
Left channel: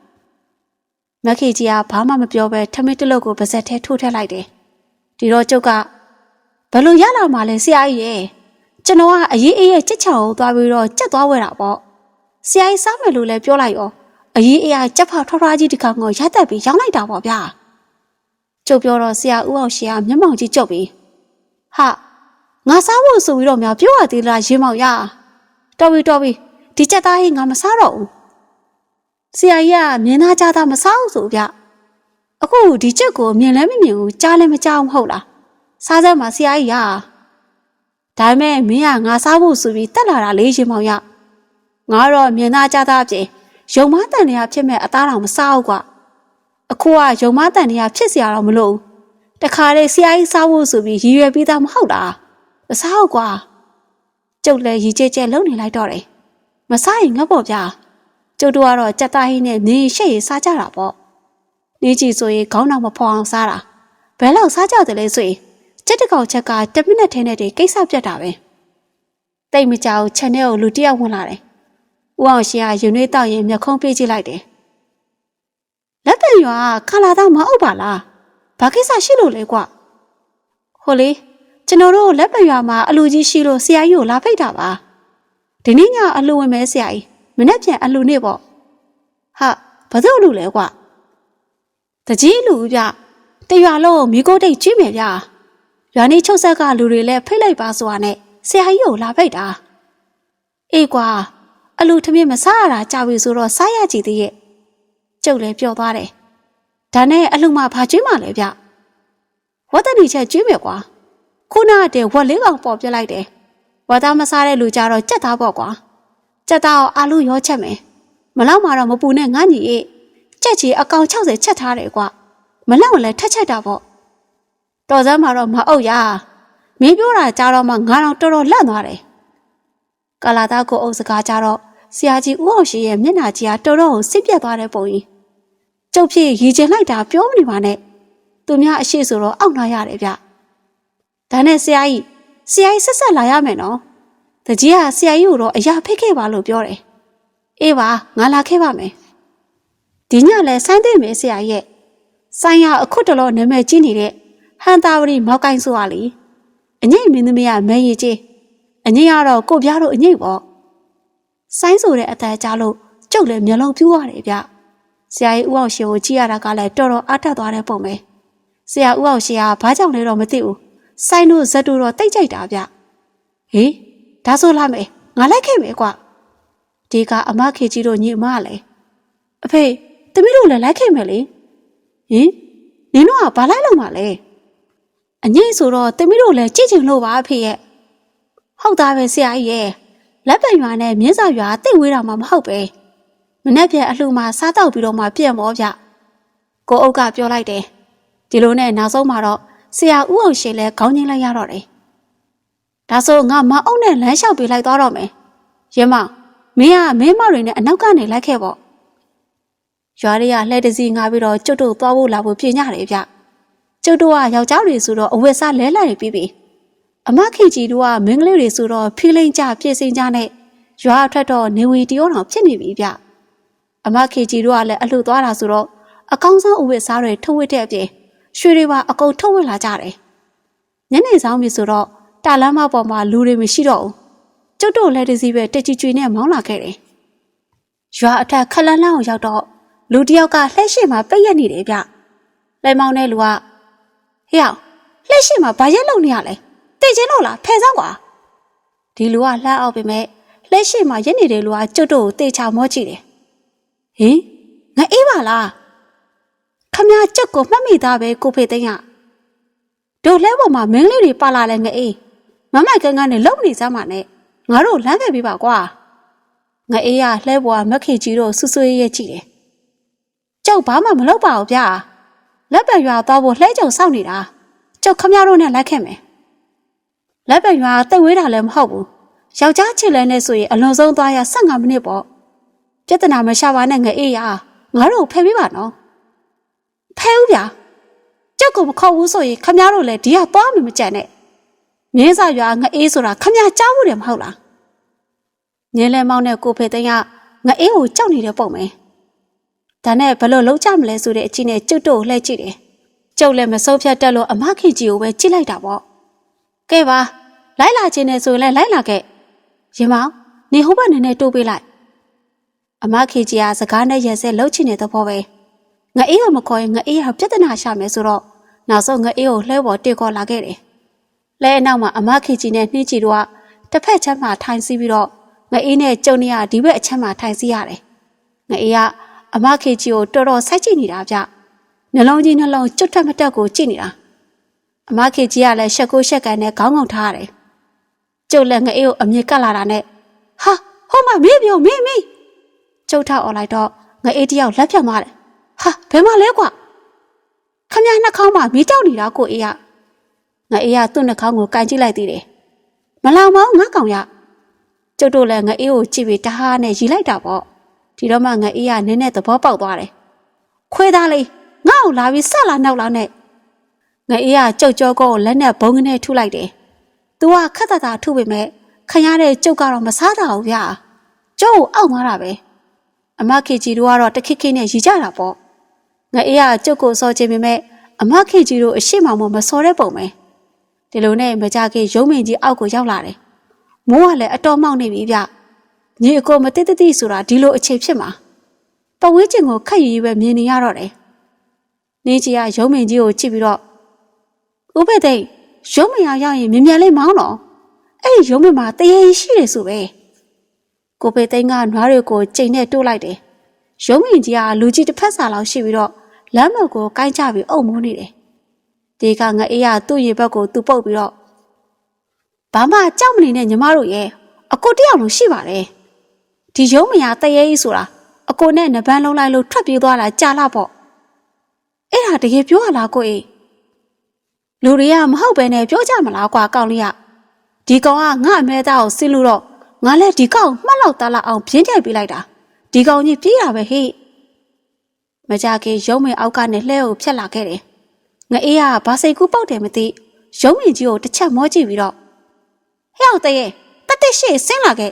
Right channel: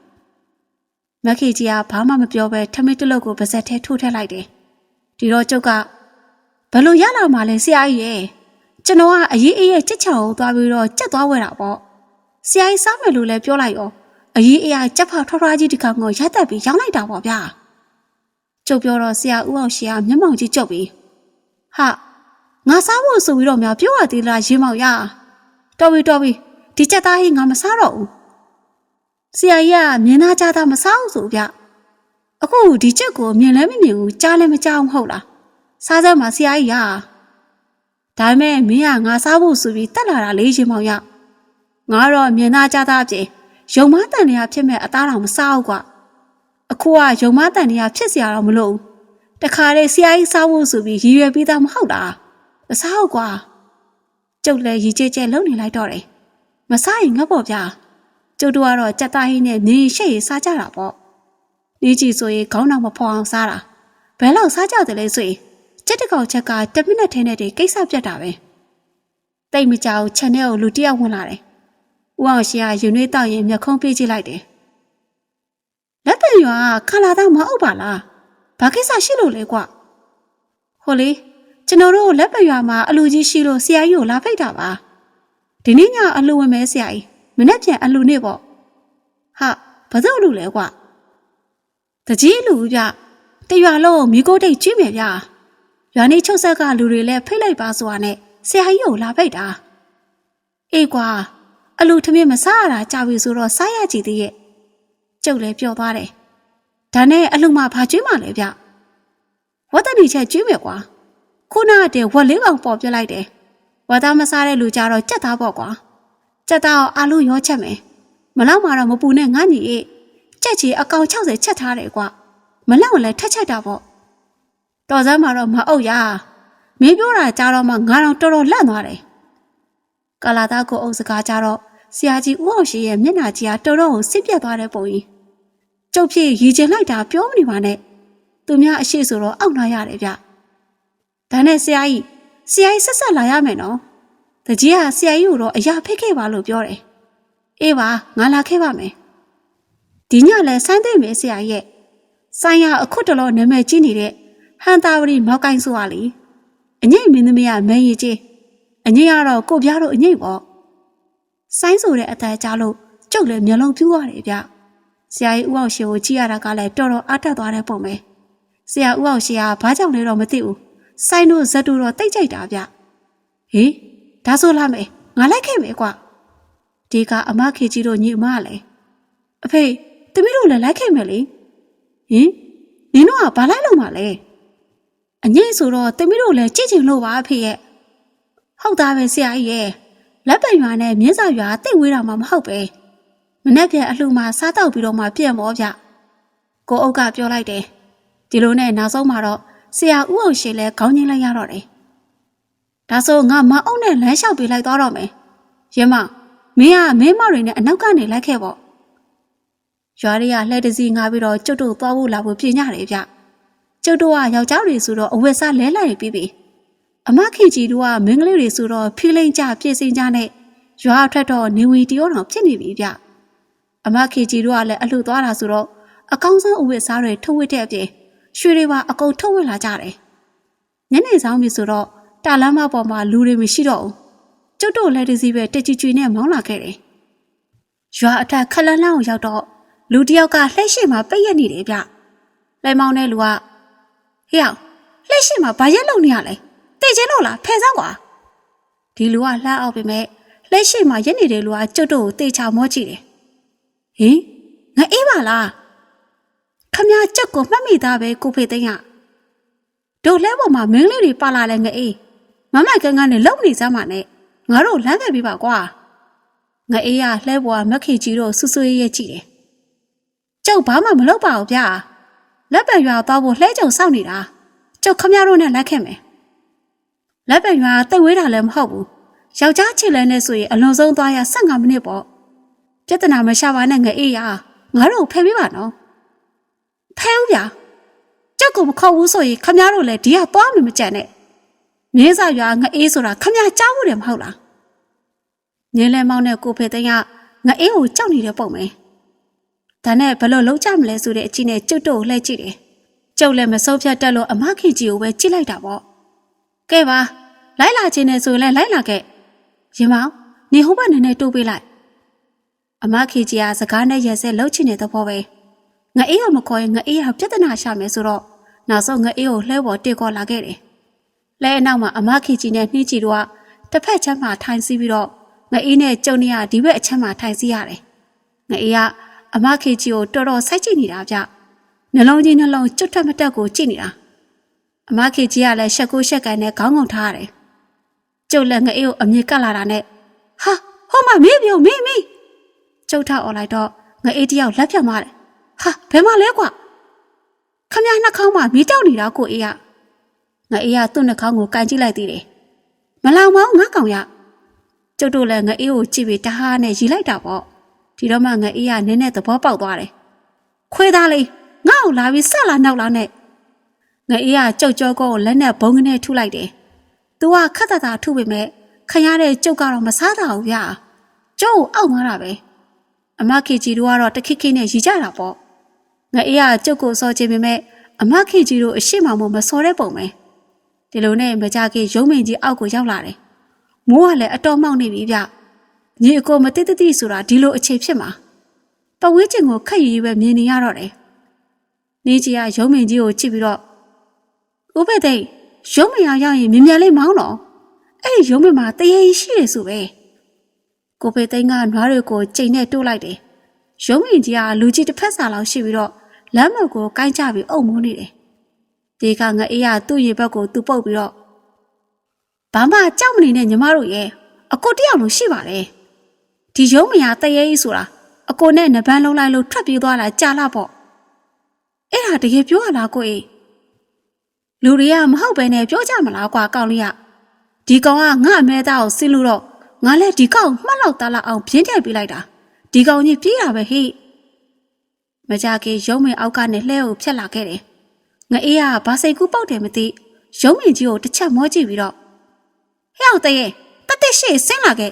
မက်ခေကြီးကဘာမှမပြောဘဲထမင်းတစ်လုပ်ကိုပါဇက်ထဲထိုးထည့်လိုက်တယ်။ဒီတော့ကျုပ်ကဘယ်လိုရလာမှလဲဆရာကြီးရဲ့ကျွန်တော်ကအရေးအေးရဲ့ကြက်ချောင်ကိုသွားပြီးတော့ကြက်သွားဝဲတာပေါ့။ဆရာကြီးစားမယ်လို့လည်းပြောလိုက်ရောအရေးအေးကကြက်ဖောက်ထွားထွားကြီးတစ်ခါကိုရိုက်တက်ပြီးရောင်းလိုက်တာပေါ့ဗျာ။ကျုပ်ပြောတော့ဆရာဦးအောင်ရှင်ကမျက်မှောင်ကြီးကျုပ်ပြီးဟာငါစားဖို့ဆိုပြီးတော့များပြောရသေးလားရေမောင်ရတော်ပြီတော်ပြီဒီချက်သားဟင်းငါမစားတော့ဘူး ဆရာကြီးကမြင်သားကြတာမဆောက်ဆိုဗျအခုဒီချက်ကိုမြင်လဲမမြင်ဘူးကြားလဲမကြားဘူးဟုတ်လားစားစမ်းမှာဆရာကြီးကဒါပေမဲ့မင်းကငါစားဖို့ဆိုပြီးတက်လာတာလေးရင်မောင်ရငါတော့မြင်သားကြတာအပြင်ယုံမတန်တရားဖြစ်မဲ့အသားတော်မစားဘူးကွာအခုကယုံမတန်တရားဖြစ်စရာတော့မလိုဘူးတခါလေဆရာကြီးစားဖို့ဆိုပြီးရည်ရွယ်ပြီးသားမဟုတ်လားမစားဘူးကွာကျုပ်လည်းရည်ကြဲကြဲလုံနေလိုက်တော့တယ်မစားရင်ငတ်ပေါ့ဗျာ ကျုပ်တို့ကတော့ကြက်သားဟင်းနဲ့နင်းရှက်ရည်စားကြတာပေါ့နေကြည့်ဆိုရင်ခေါင်းတော်မဖော်အောင်စားတာဘယ်လောက်စားကြတယ်လဲဆိုရင်ကြက်တကောင်ချက်က10မိနစ်ထဲနဲ့တည်းကိစ္စပြတ်တာပဲတိတ်မကြောက်ချက်နဲ့ကိုလူတယောက်ဝင်လာတယ်ဦးအောင်ရှင်ကယူနေတောက်ရင်မျက်ခုံးပေးကြည့်လိုက်တယ်လက်တံရွာကခလာသားမဟုတ်ပါလားဘာကိစ္စရှိလို့လဲကွဟိုလေကျွန်တော်တို့လက်ပံရွာမှာအလူကြီးရှိလို့ဆရာကြီးကိုလာဖိတ်တာပါဒီနေ့ညအလူဝင်မဲဆရာကြီး မနေ့ပြန်အလူနေပေါ့ဟာဘာလို့လူလဲကွတကြီးလူဗျတရွာလုံးမိโกတိတ်ကျွေးမယ်ဗျရွာနေချုပ်ဆက်ကလူတွေလည်းဖိတ်လိုက်ပါဆိုတာနဲ့ဆရာကြီးကိုလာဖိတ်တာအေးကွာအလူထမင်းမစားရတာကြာပြီဆိုတော့စားရကြည့်သေးရဲ့ကျုပ်လည်းပျော်သွားတယ်။ဒါနဲ့အလုံမဘာကျွေးမှလဲဗျ။ဝတ်တနီချက်ကျွေးမယ်ကွာ။ခုနကတည်းဝက်လေးကောင်ပေါ်ပြလိုက်တယ်။ဝတ်သားမစားတဲ့လူကြတော့ကြက်သားပေါ့ကွာ။ ကြက်သားကိုအာလူရောချက်မယ်။မလောက်မှတော့မပူနဲ့ငါညီရဲ့။ကြက်ချီအကောင်60ချက်ထားတယ်ကွာ။မလောက်လည်းထက်ချက်တာပေါ့။တော်စမ်းမှာတော့မအုပ်ရ။မင်းပြောတာကြားတော့မှငါတော့တော်တော်လန့်သွားတယ်။ကာလာသားကိုအုပ်စကားကြတော့ဆရာကြီးဦးအောင်ရှိရဲ့မျက်နှာကြီးကတော်တော်ကိုစစ်ပြတ်သွားတဲ့ပုံကြီးကျုပ်ဖြစ်ရည်ကျင်လိုက်တာပြောမနေပါနဲ့သူများအရှိဆိုတော့အောက်လာရတယ်ဗျဒါနဲ့ဆရာကြီးဆရာကြီးဆက်ဆက်လာရမယ်နော် တကြီးကဆရာကြီးကိုတော့အရာဖိတ်ခဲ့ပါလို့ပြောတယ်အေးပါငါလာခဲ့ပါမယ်ဒီညလဲဆိုင်းတဲ့မယ်ဆရာကြီးရဲ့ဆိုင်ရအခုတလောနာမည်ကြီးနေတဲ့ဟန်တာဝရီမောက်ကိုင်းဆိုပါလေအငိမ့်မင်းသမီးကမန်းရည်ကြီးအငိမ့်ကတော့ကိုပြားတို့အငိမ့်ပေါ့ဆိုင်းဆိုတဲ့အတန်ကြားလို့ကျုပ်လည်းမျက်လုံးပြူးရတယ်ဗျဆရာကြီးဦးအောင်ရှင်ကိုကြည့်ရတာကလည်းတော်တော်အားတက်သွားတဲ့ပုံပဲဆရာဦးအောင်ရှင်ကဘာကြောင့်လဲတော့မသိဘူးဆိုင်းတို့ဇက်တို့တော့တိတ်ကြိုက်တာဗျဟေး ဒါဆိုလာမယ်ငါလိုက်ခဲ့မယ်ကွဒီကအမခေကြီးတို့ညီအမလည်းအဖေတမီးတို့လည်းလိုက်ခဲ့မယ်လေဟင်နင်တို့ကဘာလိုက်လို့မှလဲအငိမ့်ဆိုတော့တမီးတို့လည်းကြည့်ချင်လို့ပါအဖေရဲ့ဟုတ်သားပဲဆရာကြီးရဲ့လက်ပံရွာနဲ့မြင်းစာရွာတိတ်ဝေးတာမှမဟုတ်ပဲမနေ့ပြန်အလှမှာစားတော့ပြီးတော့မှပြန့်မောဗျကိုအုပ်ကပြောလိုက်တယ်ဒီလိုနဲ့နောက်ဆုံးမှာတော့ဆရာဦးအောင်ရှိလဲခေါင်းချင်းလိုက်ရတော့တယ် ဒါဆိုငါမအုံနဲ့လမ်းလျှောက်ပေးလိုက်သွားတော့မယ်ရမမင်းကမင်းမတွေနဲ့အနောက်ကနေလိုက်ခဲ့ပေါ့ရွာတွေကလှဲတစီငါပြီးတော့ကျွတ်တို့သွားဖို့လာဖို့ပြင်ကြတယ်ဗျကျွတ်တို့ကယောက်ျားတွေဆိုတော့အဝတ်စားလဲလိုက်ပြီးပြီအမခင်ကြီးတို့ကမင်းကလေးတွေဆိုတော့ဖီးလိန်ကြပြည့်စင်ကြနဲ့ရွာအထွက်တော့နေဝင်တရောတော်ဖြစ်နေပြီဗျအမခင်ကြီးတို့ကလည်းအလှသွားတာဆိုတော့အကောင်းဆုံးအဝတ်စားတွေထုတ်ဝတ်တဲ့အပြင်ရွှေတွေပါအကုန်ထုတ်ဝတ်လာကြတယ်ညနေဆောင်ပြီဆိုတော့ တာလမ်းမပေါ်မှာလူတွေမရှိတော့ဘူးကျွတ်တို့လက်တစည်းပဲတက်ကြွကြွနဲ့မောင်းလာခဲ့တယ်ရွာအထက်ခလန်းလန်းကိုရောက်တော့လူတစ်ယောက်ကလှည့်ရှိမှပိတ်ရက်နေတယ်ဗျလဲမောင်းတဲ့လူကဟေ့အောင်လှည့်ရှိမှဘာရက်လုံနေရလဲသိချင်းလို့လားဖယ်ဆောင်ကွာဒီလူကလှမ်းအောင်ပေမဲ့လှည့်ရှိမှရက်နေတဲ့လူကကျွတ်တို့ကိုတေချာမောကြည့်တယ်ဟင်ငါအေးပါလားခမကြက်ကိုမှတ်မိသားပဲကိုဖေသိန်းကတို့လဲပေါ်မှာမင်းလေးတွေပါလာလဲငအေး မမကန်ကန်နဲ့လုံနေစမ်းပါနဲ့ငါတို့လမ်းခဲ့ပြပါကွာငအေးကလှဲပေါ်ကမက်ခေကြီးတို့ဆူဆွေးရဲကြည့်တယ်ကျောက်ဘာမှမလုပ်ပါဘူးဗျာလက်ပံရွာသွားဖို့လှဲကြုံစောင့်နေတာကျောက်ခမတို့နဲ့လိုက်ခဲ့မယ်လက်ပံရွာတိတ်ဝေးတာလည်းမဟုတ်ဘူးယောက်ျားချစ်လဲနဲ့ဆိုရင်အလွန်ဆုံးသွားရ15မိနစ်ပေါ့ပြဿနာမရှာပါနဲ့ငအေးရငါတို့ဖယ်ပေးပါနော်ဖဲဦးဗျာကြောက်ကိုမခေါ်ဘူးဆိုရင်ခမရတို့လည်းဒီကသွားမှမကြံနဲ့ မြင်းစာရွာငအေးဆိုတာခမရကြားဘူးတယ်မဟုတ်လားမြင်းလဲမောင်းတဲ့ကိုဖေသိန်းကငအေးကိုကြောက်နေတဲ့ပုံပဲဒါနဲ့ဘလို့လုံးကြမလဲဆိုတဲ့အချင်းနဲ့ကျွတ်တို့ကိုလှည့်ကြည့်တယ်ကျုပ်လည်းမစိုးဖြတ်တက်လို့အမခင်ကြီးကိုပဲကြည့်လိုက်တာပေါ့ကဲပါလိုက်လာခြင်းနဲ့ဆိုရင်လည်းလိုက်လာခဲ့ရင်မောင်နေဟိုဘက်နည်းနည်းတိုးပေးလိုက်အမခင်ကြီးကစကားနဲ့ရက်စဲလှုပ်ချင်တဲ့သဘောပဲငအေးကိုမခေါ်ရင်ငအေးဟာပြဿနာရှာမယ်ဆိုတော့နောက်ဆုံးငအေးကိုလှဲပေါ်တေခေါ်လာခဲ့တယ်။ လဲအနောက်မှာအမခေကြီးနဲ့နှင်းချီတို့ကတစ်ဖက်ချမ်းမှာထိုင်စီးပြီးတော့ငအေးနဲ့ကျုံနေရဒီဘက်အချမ်းမှာထိုင်စီးရတယ်။ငအေးကအမခေကြီးကိုတော်တော်စိုက်ကြည့်နေတာဗျ။နှလုံးကြီးနှလုံးကျွတ်ထက်မတက်ကိုကြည့်နေတာ။အမခေကြီးကလည်းရှက်ကိုရှက်ကန်နဲ့ခေါင်းငုံထားရတယ်။ကျုပ်လည်းငအေးကိုအမြင်ကတ်လာတာနဲ့ဟာဟိုမှာမေးပြောမေးမေးကျုပ်ထောက်អော်လိုက်တော့ငအေးတယောက်လက်ဖြတ်သွားတယ်ဟာဘယ်မှာလဲကွာခမရနှာခေါင်းမှာမီးတောက်နေတာကိုအေးရ ငါအေးရသူ့နှာခေါင်းကိုကန်ကြည့်လိုက်သေးတယ်မလောင်မောင်းငါကောင်ရကျုပ်တို့လည်းငါအေးကိုကြည့်ပြီးတဟားနဲ့ရီလိုက်တာပေါ့ဒီတော့မှငါအေးရနည်းနည်းသဘောပေါက်သွားတယ်ခွေးသားလေးငါ့ကိုလာပြီးဆက်လာနောက်လာနဲ့ငါအေးရကြုတ်ကြောကောကိုလက်နဲ့ဘုံကနေထုလိုက်တယ်သူကခက်တတာထုပေမဲ့ခရရတဲ့ကျုပ်ကတော့မစားတာဘူးဗျာကျုပ်ကိုအောက်သွားတာပဲအမခေကြီးတို့ကတော့တခိခိနဲ့ရီကြတာပေါ့ငါအေးကကြုတ်ကိုစောချင်ပေမဲ့အမခေကြီးတို့အရှိမမောမစောတဲ့ပုံပဲ ဒီလိုနဲ့မကြခင်ရုံးမင်ကြီးအောက်ကိုရောက်လာတယ်မိုးကလည်းအတော်မောက်နေပြီဗျညီအကိုမတိတတိဆိုတာဒီလိုအခြေဖြစ်မှာပဝင်းကျင်ကိုခက်ရည်ရည်ပဲမြင်နေရတော့တယ်နင်းကြီးကရုံးမင်ကြီးကိုကြည့်ပြီးတော့ဥပဒေရုံးမင်ရရောက်ရင်မြင်မြန်လေးမောင်းတော့အဲ့ဒီရုံးမင်မှာတရေရှိတယ်ဆိုပဲကိုပေသိန်းကနွားတွေကိုချိန်နဲ့တိုးလိုက်တယ်။ရုံးရင်ကြီးကလူကြီးတစ်ဖက်စာလောက်ရှိပြီးတော့လမ်းမကိုကိုင်းချပြီးအုပ်မိုးနေတယ်။ ဒီကငအေးရသူ့ရေဘက်ကိုသူ့ပုတ်ပြီးတော့ဘာမှကြောက်မနေနဲ့ညီမတို့ရဲ့အကိုတယောက်လို့ရှိပါတယ်။ဒီရုံးမရတရေကြီးဆိုတာအကိုနဲ့နဘန်းလုံးလိုက်လို့ထွက်ပြေးသွားတာကြာလာပေါ့။အဲ့ဒါတကယ်ပြောရလားကိုအေးလူတွေကမဟုတ်ပဲနဲ့ပြောကြမလားကွာကောင်းလေးကဒီကောင်ကငါအမဲသားကိုစစ်လို့တော့ငါလည်းဒီကောင်မှတ်လောက်သားလောက်အောင်ပြင်းထည့်ပေးလိုက်တာဒီကောင်ကြီးပြေးတာပဲဟိမကြခင်ရုံးမင်အောက်ကနေလှဲကိုဖြတ်လာခဲ့တယ် ငအေးကဘာစိတ်ကူးပုတ်တယ်မသိရုံးမင်ကြီးကိုတစ်ချက်မောကြည့်ပြီးတော့ဟဲ့အောင်တရေတတက်ရှိဆင်းလာခဲ့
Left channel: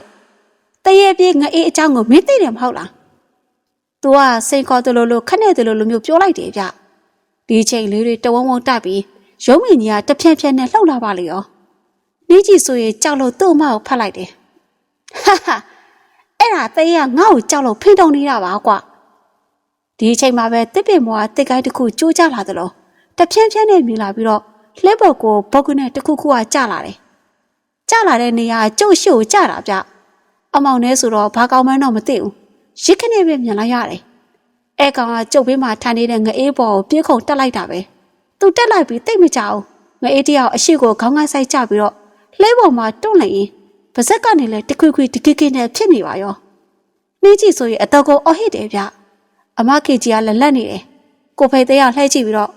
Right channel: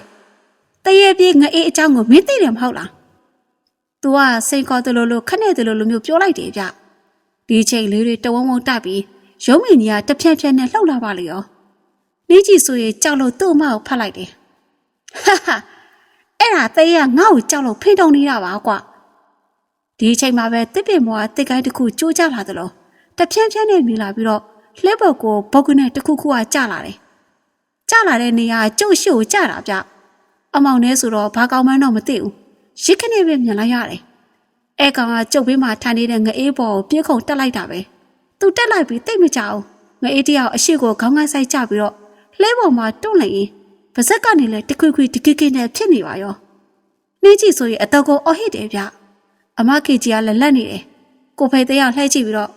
တရေပြေးငအေးအကြောင်းကိုမင်းသိတယ်မဟုတ်လား तू ကစိန်ခေါ်တယ်လို့လို့ခနဲ့တယ်လို့လို့မျိုးပြောလိုက်တယ်ဗျဒီချိန်လေးတွေတဝုံဝုံတက်ပြီးရုံးမင်ကြီးကတဖြန်းဖြန်းနဲ့လှုပ်လာပါလေရောနေကြီးဆိုရင်ကြောက်လို့သူ့အမကိုဖတ်လိုက်တယ်ဟာဟာအဲ့ဒါသေးရငါ့ကိုကြောက်လို့ဖိတုံနေတာပါကွာဒီအချိန်မှာပဲတစ်ပင်မောကတစ်ကိုင်းတစ်ခုကျိုးကျလာသလို တဖြန်းဖြန်းနဲ့မြင်လာပြီးတော့လှဲဘော်ကိုဘုတ်ကနဲ့တစ်ခုခုကကျလာတယ်ကျလာတဲ့နေရာကကျုပ်ရှို့ကျတာဗျအမောင်နဲ့ဆိုတော့ဘာကောင်းမှန်းတော့မသိဘူးရစ်ခနဲ့ပဲမြင်လိုက်ရတယ်အဲကောင်ကကျုပ်ဘေးမှာထိုင်နေတဲ့ငအေးဘော်ကိုပြေးခုန်တက်လိုက်တာပဲသူတက်လိုက်ပြီးတိတ်မကြအောင်ငအေးတယောက်အရှိကိုခေါင်းကိုက်ဆိုင်ကျပြီးတော့လှဲဘော်မှာတွန့်လိုက်ရင်ပါဇက်ကနေလဲတခွေခွေတကိကိနဲ့ဖြစ်နေပါရောနှင်းကြည့်ဆိုရင်အတော့ကိုအော်ဟစ်တယ်ဗျအမခေကြီးကလည်းလက်နေတယ်ကိုဖေသေးကလှဲကြည့်ပြီးတော့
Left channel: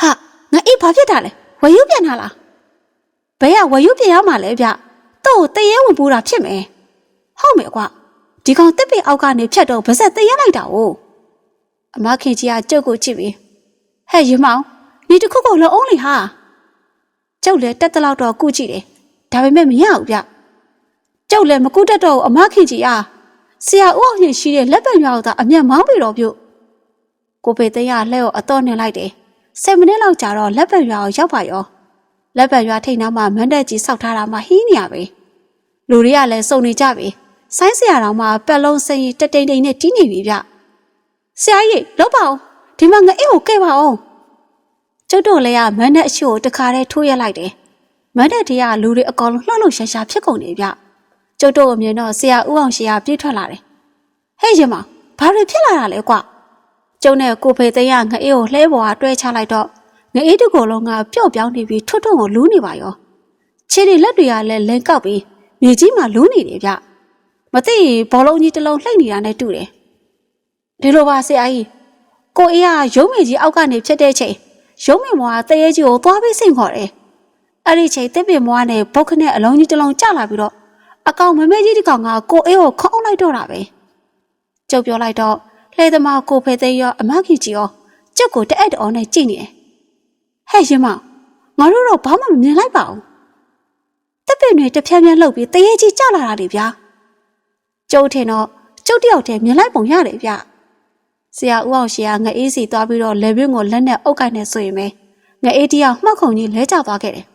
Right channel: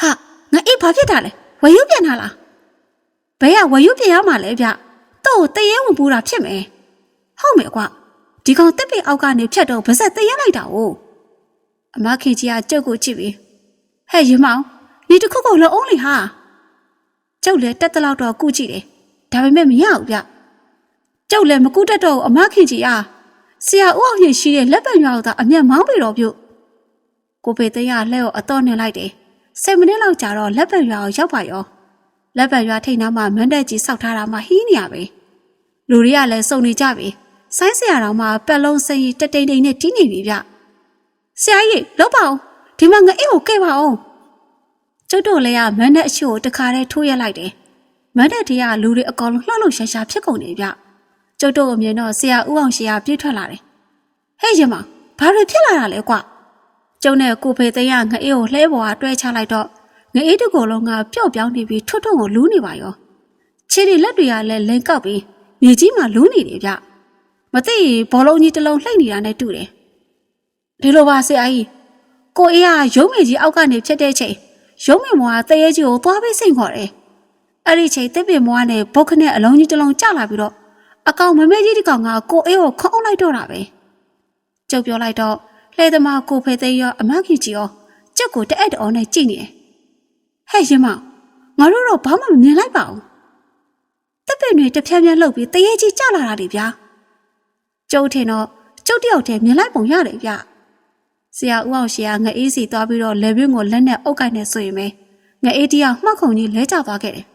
ဟာငါအေးဘာဖြစ်တာလဲဝယူပြန်လာလားဘယ်ကဝယူပြန်ရမှာလဲဗျတော့တရေဝင်ပူတာဖြစ်မယ်ဟုတ်မယ်ကွာဒီကောင်တစ်ပင်အောက်ကနေဖြတ်တော့ဗစက်တရေလိုက်တာ哦အမခင်ကြီးကကြုတ်ကိုကြည့်ပြီးဟဲ့ရမောင်ဒီတစ်ခုခုလုံးအောင်လေဟာကျုပ်လည်းတက်တလောက်တော့ကုကြည့်တယ်ဒါပေမဲ့မရဘူးဗျကျုပ်လည်းမကုတတ်တော့ဘူးအမခင်ကြီးအားဆရာဦးအောင်ရင်ရှိတဲ့လက်ပံရွာကအမျက်မောင်းပြီတော့ပြုတ်ကိုပေသိန်းကလက်ကိုအတော့နှင်လိုက်တယ် ဆယ်မိနစ်လောက်ကြာတော့လက်ပံရွာကိုရောက်ပါရောလက်ပံရွာထိတ်နားမှာမန်းတက်ကြီးစောက်ထားတာမှဟင်းနေရပဲလူတွေကလည်းစုံနေကြပြီဆိုင်းဆရာတော်မှပက်လုံးစိန်တတိန်တိန်နဲ့တီးနေပြီဗျဆရာကြီးလောက်ပါအောင်ဒီမှာငါအိတ်ကိုကဲပါအောင်ကျုပ်တို့လည်းကမန်းတက်အရှိကိုတခါတည်းထိုးရက်လိုက်တယ်မန်းတက်တည်းကလူတွေအကောင်လုံးလှုပ်လှုပ်ရှားရှားဖြစ်ကုန်နေဗျကျုပ်တို့အမြင်တော့ဆရာဦးအောင်ရှိကပြေးထွက်လာတယ်ဟဲ့ရမဘာတွေဖြစ်လာတာလဲကွ ကျုံနဲ့ကိုဖေသိန်းကငါအေးကိုလှဲပေါ်ကတွဲချလိုက်တော့ငအေးတကောလုံးကပျော့ပြောင်းနေပြီးထွတ်ထွတ်ကိုလူးနေပါရောခြေတွေလက်တွေကလည်းလင်ကောက်ပြီးမြေကြီးမှာလူးနေတယ်ဗျမသိရင်ဘောလုံးကြီးတစ်လုံးလှိမ့်နေတာနဲ့တူတယ်ဒီလိုပါဆရာကြီးကိုအေးကရုံးမေကြီးအောက်ကနေဖြစ်တဲ့ချိန်ရုံးမေမွားတရေကြီးကိုသွားပြီးစိန်ခေါ်တယ်အဲ့ဒီချိန်တစ်ပင်မွားနဲ့ဘုတ်ခနဲ့အလုံးကြီးတစ်လုံးကျလာပြီးတော့အကောင်မမဲကြီးတစ်ကောင်ကကိုအေးကိုခေါင်းလိုက်တော့တာပဲကျုပ်ပြောလိုက်တော့ လှဲသမားကိုဖေသိန်းရောအမကြီးကြီးရောကျုပ်ကိုတအက်တော်နဲ့ကြည့်နေတယ်ဟဲ့ရင်မငါတို့တော့ဘာမှမမြင်လိုက်ပါဘူးတက်ပင်တွေတစ်ဖြန်းဖြန်းလှုပ်ပြီးတရေကြီးကျလာတာလေဗျာကျုပ်ထင်တော့ကျုပ်တယောက်တည်းမြင်လိုက်ပုံရတယ်ဗျဆရာဦးအောင်ရှေကငအေးစီသွားပြီးတော့လေပင်းကိုလက်နဲ့အုပ်ကိုက်နေဆိုရင်ပဲငအေးတယောက်မှောက်ခုံကြီးလဲကျသွားခဲ့တယ်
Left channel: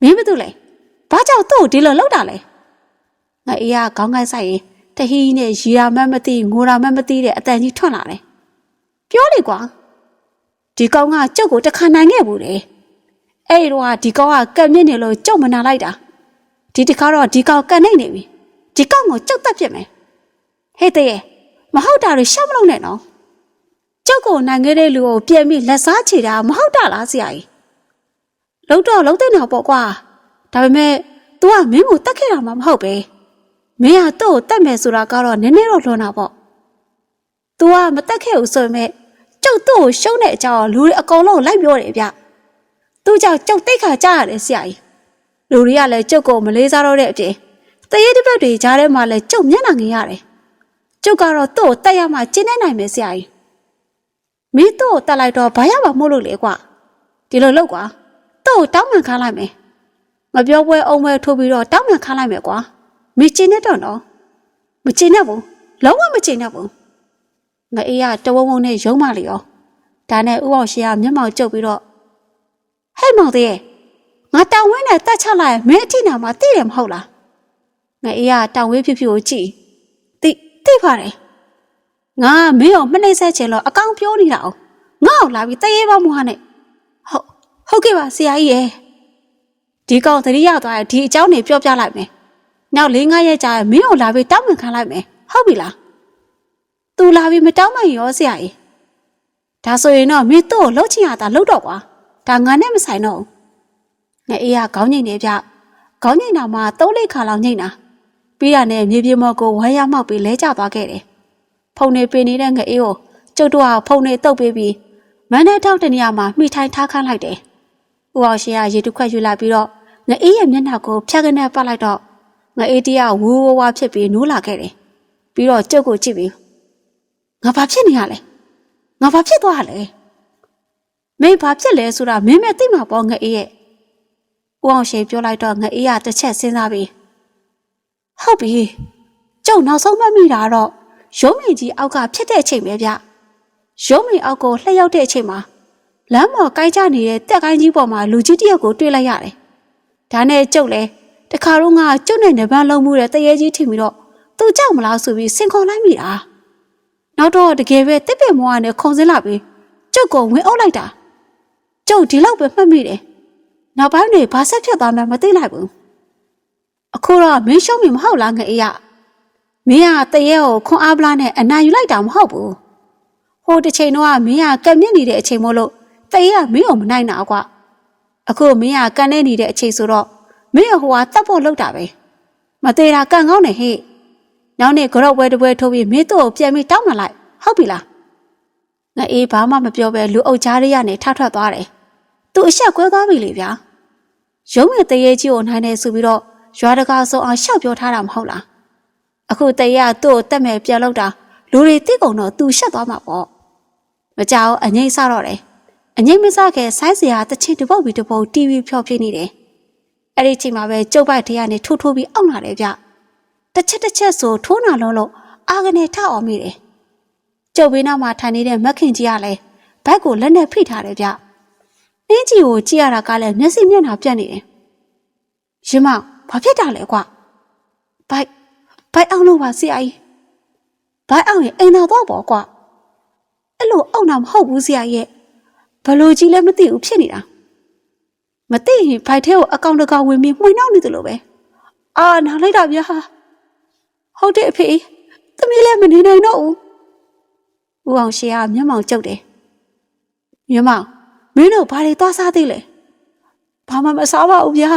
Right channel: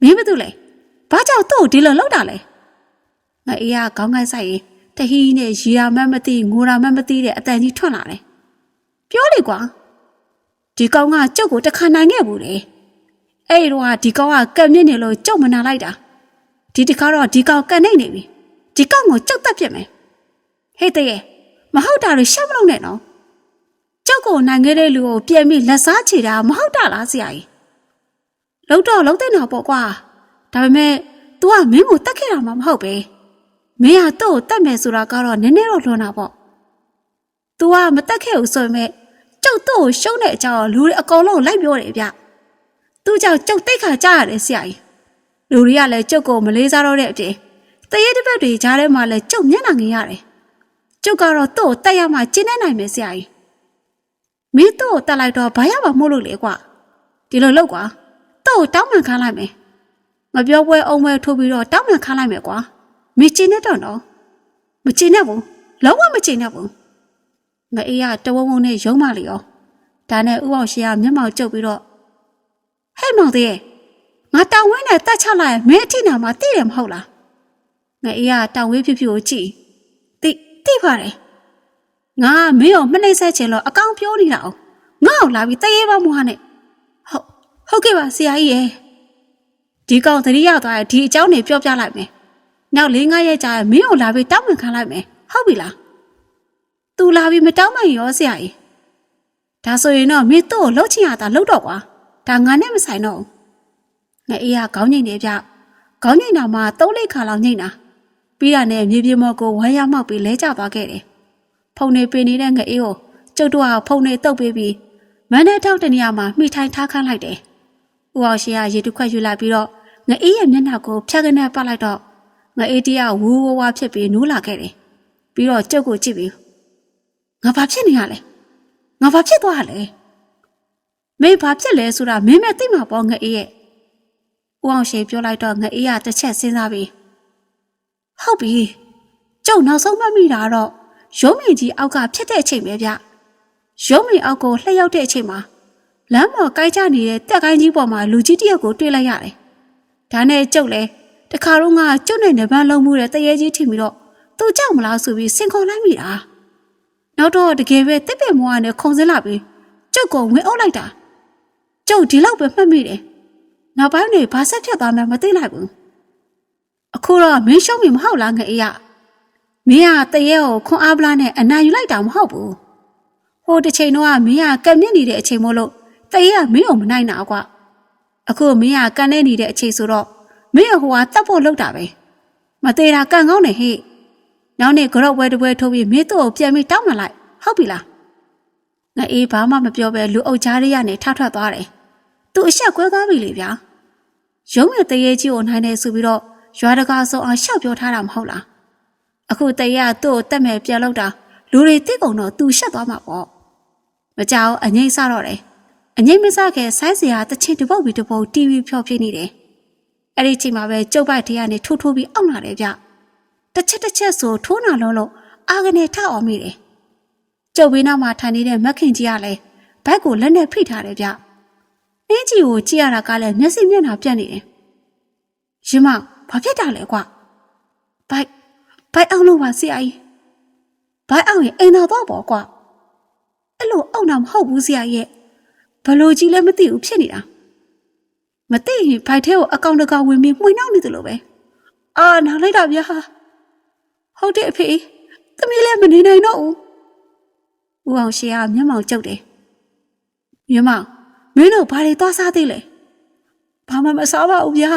မင်းဘာတူလဲဘာကြောင့်သူ့ကိုဒီလိုလုပ်တာလဲငအေးကခေါင်းကိုက်ဆိုင်ရင် တဟီးနဲ့ရီယာမတ်မသိငိုရာမတ်မသိတဲ့အတန်ကြီးထွက်လာတယ်ပြောလေကွာဒီကောင်ကကျုပ်ကိုတခါနိုင်ခဲ့ဘူးလေအဲ့ဒီတော့ဒီကောင်ကကံမြင့်နေလို့ကျုပ်မနာလိုက်တာဒီတခါတော့ဒီကောင်ကန်နေနေပြီဒီကောင်ကိုကျုပ်တက်ပြစ်မယ်ဟဲ့တဲ့မဟုတ်တာတွေရှက်မလို့နဲ့နော်ကျုပ်ကိုနိုင်ခဲ့တဲ့လူကိုပြန်ပြီးလက်စားချေတာမဟုတ်တာလားဆရာကြီးလုံးတော့လုံးတဲ့တော့ပေါ့ကွာဒါပေမဲ့ तू ကမင်းကိုတက်ခဲ့တာမှမဟုတ်ပဲ မင်းကသူ့ကိုတက်မယ်ဆိုတာကတော့နည်းနည်းတော့လွန်တာပေါ့ तू ကမတက်ခဲ့ဘူးဆိုပေမဲ့ကျုပ်တို့ကိုရှုံးတဲ့အကြောင်းလူတွေအကုန်လုံးလိုက်ပြောတယ်ဗျ။သူ့ကြောင့်ကျုပ်တိတ်ခါကြားရတယ်ဆရာကြီး။လူတွေကလည်းကျုပ်ကိုမလေးစားတော့တဲ့အပြင်တရေတစ်ပတ်တွေကြားထဲမှာလည်းကျုပ်မျက်နှာငင်ရတယ်။ကျုပ်ကတော့သူ့ကိုတက်ရမှကျင်းနေနိုင်မယ်ဆရာကြီး။မင်းသူ့ကိုတက်လိုက်တော့ဘာရမှာမို့လို့လေကွာ။ဒီလိုလုပ်ကွာ။သူ့ကိုတောင်းပန်ခိုင်းလိုက်မယ်။မပြောပွဲအောင်ပွဲထိုးပြီးတော့တောင်းပန်ခိုင်းလိုက်မယ်ကွာ။ မကျင်းနေတော့နော်။မကျင်းနေဘူး။လုံးဝမကျင်းနေဘူး။ငအေးကတဝုံဝုံနဲ့ရုံးမလေရောဒါနဲ့ဥအောင်ရှင်ကမျက်မှောက်ကျုပ်ပြီးတော့ဟဲ့မောင်သေးရဲ့ငါတောင်ဝင်းနဲ့တက်ချလိုက်ရင်မင်းအထိနာမှာသိတယ်မဟုတ်လားငအေးကတောင်ဝင်းဖြစ်ဖြစ်ကိုကြည့်သိသိပါတယ်ငါမင်းကိုမနှိမ့်ဆက်ချင်လို့အကောင်ပြောနေတာအောင်ငါ့ကိုလာပြီးတရေပါမွားနဲ့ဟုတ်ဟုတ်ကဲ့ပါဆရာကြီးရဲ့ဒီကောင်သတိရသွားရင်ဒီအကြောင်းတွေပြောပြလိုက်မယ် နောက်၄၅ရက်ကြာရင်မင်းကိုလာပြီးတောင်းပန်ခံလိုက်မယ်ဟုတ်ပြီလားသူလာပြီးမတောင်းပန်ရောဆရာကြီးဒါဆိုရင်တော့မင်းတို့ကိုလှုပ်ချင်ရတာလှုပ်တော့ကွာဒါငါနဲ့မဆိုင်တော့ဘူးငါအေးကခေါင်းငိမ့်နေပြခေါင်းငိမ့်တာမှသုံးလေးခါလောက်ငိမ့်တာပြီးရနဲ့မြေပြေမော်ကိုဝမ်းရမောက်ပြီးလဲကျသွားခဲ့တယ်ဖုန်နေပင်နေတဲ့ငါအေးကိုကျုပ်တို့ကဖုန်နေတုပ်ပေးပြီးမန်းတဲ့ထောက်တနေရာမှာမိထိုင်ထားခိုင်းလိုက်တယ်ဦးအောင်ရှင်ကရေတုခွက်ယူလိုက်ပြီးတော့ငါအေးရဲ့မျက်နှာကိုဖြတ်ကနေပတ်လိုက်တော့ ငါအေးတရဝူဝဝဖြစ်ပြီးနိုးလာခဲ့တယ်ပြီးတော့ကျုပ်ကိုကြည့်ပြီးငါဘာဖြစ်နေရလဲငါဘာဖြစ်သွားလဲမင်းဘာဖြစ်လဲဆိုတာမင်းမဲ့သိမှာပေါ့ငါအေးရဲ့ဦးအောင်ရှိပြောလိုက်တော့ငါအေးကတစ်ချက်စဉ်းစားပြီးဟုတ်ပြီကျုံနောက်ဆုံးမှတ်မိတာတော့ရုံးမင်ကြီးအောက်ကဖြစ်တဲ့အချိန်ပဲဗျရုံးမင်အောက်ကိုလှည့်ရောက်တဲ့အချိန်မှာလမ်းပေါ်ကိုင်းချနေတဲ့တက်ကိုင်းကြီးပေါ်မှာလူကြီးတယောက်ကိုတွေ့လိုက်ရတယ်ဒါနဲ့ကျုပ်လဲ တခါတော့ငါကျုပ်နဲ့နေပန်းလုံးမှုတဲ့တရေကြီးထင်ပြီးတော့သူကြောက်မလားဆိုပြီးစင်ခေါ်လိုက်မိတာနောက်တော့တကယ်ပဲတစ်ပင်မွားနဲ့ခုံစင်းလာပြီးကျုပ်ကိုဝင်အုပ်လိုက်တာကျုပ်ဒီလောက်ပဲမှတ်မိတယ်နောက်ပိုင်းတွေဘာဆက်ဖြစ်သွားမှမသိလိုက်ဘူးအခုတော့မင်းရှုံးမိမဟုတ်လားငအေးရမင်းကတရေကိုခွန်အားပလားနဲ့အနာယူလိုက်တာမဟုတ်ဘူးဟိုတစ်ချိန်တော့မင်းကကံမြင့်နေတဲ့အချိန်မို့လို့တရေကမင်းကိုမနိုင်တာကွာအခုမင်းကကန်နေနေတဲ့အချိန်ဆိုတော့ မင်းဟိုကတတ်ဖို့လုပ်တာပဲမသေးတာကန်ကောင်းနေဟဲ့နောက်နေ့ကြော့ပွဲတစ်ပွဲထိုးပြီးမင်းတို့ကိုပြန်ပြီးတောင်းမှလိုက်ဟုတ်ပြီလားငါအေးဘာမှမပြောပဲလူအုပ်ကြားလေးကနေထထွက်သွားတယ်သူသူအဆက်ကွဲသွားပြီလေဗျာရုံးရဲ့တရေကြီးကိုနိုင်နေဆိုပြီးတော့ရွာတကာဆုံးအောင်ရှောက်ပြောထားတာမဟုတ်လားအခုတရေကသူ့ကိုတက်မဲ့ပြန်လောက်တာလူတွေတိတ်ကုန်တော့သူရှက်သွားမှာပေါ့မကြောက်အငိမ့်စတော့တယ်အငိမ့်မစခဲ့ဆိုင်းစရာတစ်ချင်းတစ်ပုတ်ပြီးတစ်ပုတ် TV ဖြောပြနေတယ် အဲ့ဒီချိန်မှာပဲကျုပ်ပိုက်ထဲကနေထိုးထိုးပြီးအောက်လာတယ်ဗျတစ်ချက်တစ်ချက်ဆိုထိုးနာလုံးလို့အာကနေထအောင်မိတယ်ကျုပ်ဘေးနားမှာထိုင်နေတဲ့မက်ခင်ကြီးကလည်းဘက်ကိုလက်နဲ့ဖိထားတယ်ဗျအင်းကြီးကိုကြည့်ရတာကလည်းမျက်စိမျက်နှာပြတ်နေတယ်ရင်မဘာဖြစ်တာလဲကွာဘိုက်ဘိုက်အောင်လို့ပါဆရာကြီးဘိုက်အောင်ရင်အိမ်သာတော့ပေါ့ကွာအဲ့လိုအောင်တာမဟုတ်ဘူးဆရာရဲ့ဘလို့ကြီးလည်းမသိဘူးဖြစ်နေတာ မသိရင်ဘိုက်ထဲကိုအကောင်တကောင်ဝင်ပြီးမှွေနှောက်နေတယ်လို့ပဲအာနားလိုက်တာဗျာဟုတ်တယ်အဖေသမီးလည်းမနေနိုင်တော့ဘူးဦးအောင်ရှေကမျက်မှောင်ကျုပ်တယ်မြမမင်းတို့ဘာတွေသွားစားသေးလဲဘာမှမစားပါဘူးဗျာ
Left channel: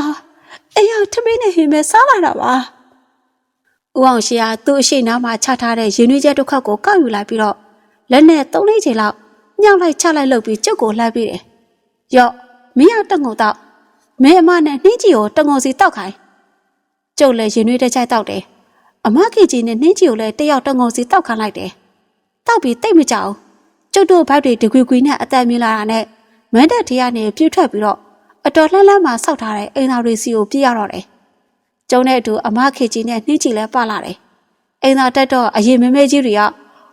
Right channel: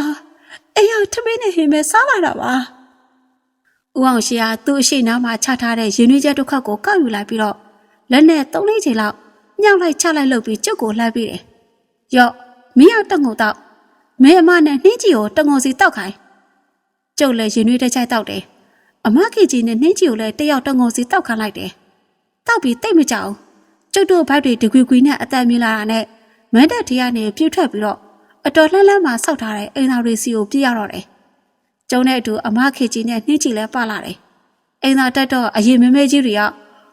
အေးရထမင်းနဲ့ဟင်းပဲစားလာတာပါဦးအောင်ရှေကသူ့အရှိနားမှာချထားတဲ့ရင်းနှီးချက်တစ်ခါကိုကောက်ယူလိုက်ပြီးတော့လက်နဲ့သုံးလေးချိန်လောက်ညှောက်လိုက်ချလိုက်လုပ်ပြီးကျုပ်ကိုလှမ်းပြီးတယ်ရော့ မင်းရတက်ငုံတော့မင်းအမနဲ့နှင်းကြီးကိုတငုံစီတောက်ခိုင်းကျုပ်လည်းရင်းနှီးတဲ့ချိုက်တောက်တယ်အမကြီးကြီးနဲ့နှင်းကြီးကိုလည်းတယောက်တငုံစီတောက်ခိုင်းလိုက်တယ်တောက်ပြီးတိတ်မကြောက်ကျုပ်တို့ဘက်တွေတကွီကွီနဲ့အသက်မြင်လာတာနဲ့မန်းတက်တရားနဲ့ပြည့်ထွက်ပြီးတော့အတော်လှမ်းလှမ်းမှဆောက်ထားတဲ့အိမ်သာတွေစီကိုပြည့်ရတော့တယ်။ကျုံတဲ့အတူအမခေကြီးနဲ့နှင်းချီလဲပလာတယ်။အိမ်သာတက်တော့အရင်မမဲကြီးတွေက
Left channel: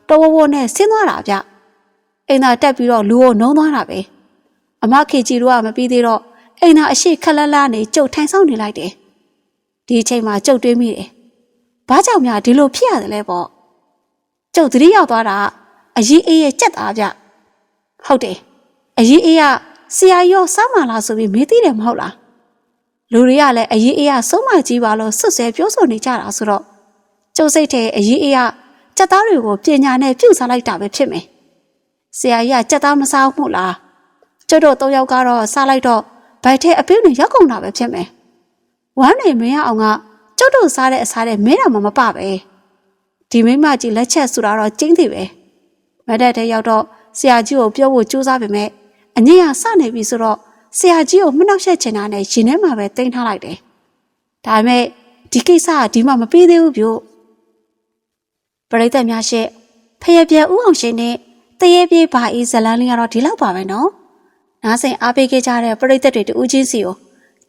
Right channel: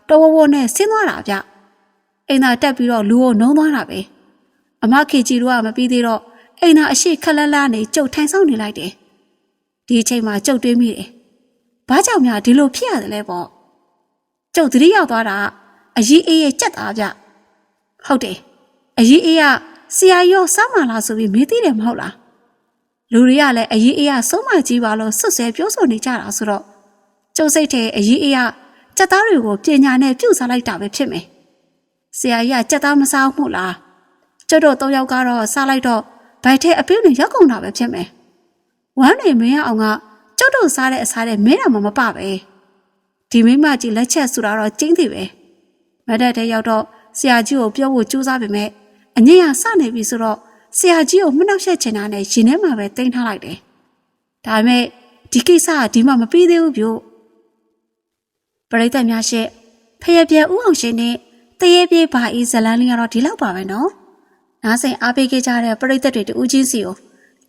တော်ဝဝနဲ့ဆင်းသွားတာဗျ။အိမ်သာတက်ပြီးတော့လူကိုနှုံးသွားတာပဲ။ အမခေကြီးတို့ကမပြီးသေးတော့အိမ်သာအရှိခက်လက်လာနေကြုတ်ထိုင်ဆောင်နေလိုက်တယ်။ဒီအချိန်မှာကြုတ်တွေးမိတယ်။ဘာကြောင့်များဒီလိုဖြစ်ရတယ်လဲပေါ့။ကျုပ်သတိရောက်သွားတာအကြီးအေးရဲ့ကြက်သားဗျ။ဟုတ်တယ်။အကြီးအေးကဆရာရောစောင်းမလားဆိုပြီးမေးသေးတယ်မဟုတ်လားလူတွေကလည်းအရေးအေးရဆုံးမကြီးပါလို့ဆွတ်ဆဲပြောဆိုနေကြတာဆိုတော့ကျုပ်စိတ်ထဲအရေးအေးရစက်သားတွေကိုပညာနဲ့ပြုစားလိုက်တာပဲဖြစ်မယ်ဆရာကြီးကစက်သားမစားဘူးလား ကျုပ်တို့သုံးယောက်ကတော့စားလိုက်တော့ဗိုက်ထဲအပင်းတွေရောက်ကုန်တာပဲဖြစ်မယ်ဝမ်းနေမရအောင်ကကျုပ်တို့စားတဲ့အစားတွေမင်းတော်မှမပပဲဒီမိမကြီးလက်ချက်ဆိုတာတော့ကျင်းသေးပဲမဒက်တဲ့ရောက်တော့ဆရာကြီးကိုပြောဖို့ကြိုးစားပေမဲ့အငိမ့်ကစနေပြီဆိုတော့ဆရာကြီးကိုမနှောက်ယှက်ချင်တာနဲ့ရင်ထဲမှာပဲတင်ထားလိုက်တယ်။ဒါပေမဲ့ဒီကိစ္စကဒီမှမပြီးသေးဘူးပြို့ပရိသတ်များရှေ့ဖယပြဲဥအောင်ရှင်နဲ့တရေပြေးပါအေးဇလန်းလေးကတော့ဒီလောက်ပါပဲနော်။ နားဆင်အားပေးခဲ့ကြတဲ့ပရိသတ်တွေတူးချင်းစီကို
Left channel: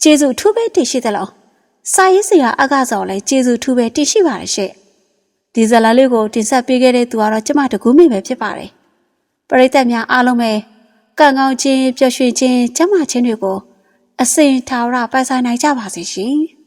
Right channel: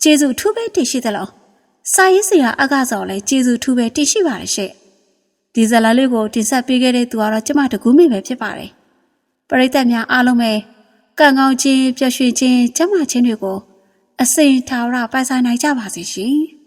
ကျေးဇူးထူးပဲတင်ရှိသလား။စာရေးဆရာအကစော်လည်းကျေးဇူးထူးပဲတင်ရှိပါတယ်ရှေ့။ဒီဇလန်းလေးကိုတင်ဆက်ပေးခဲ့တဲ့သူကတော့ကျမတကူးမိပဲဖြစ်ပါတယ်။ပရိသတ်များအားလုံးပဲကံကောင်းခြင်းပျော်ရွှင်ခြင်းကျမ်းမာခြင်းတွေကိုအစဉ်ထာဝရပိုင်ဆိုင်နိုင်ကြပါစေရှင်။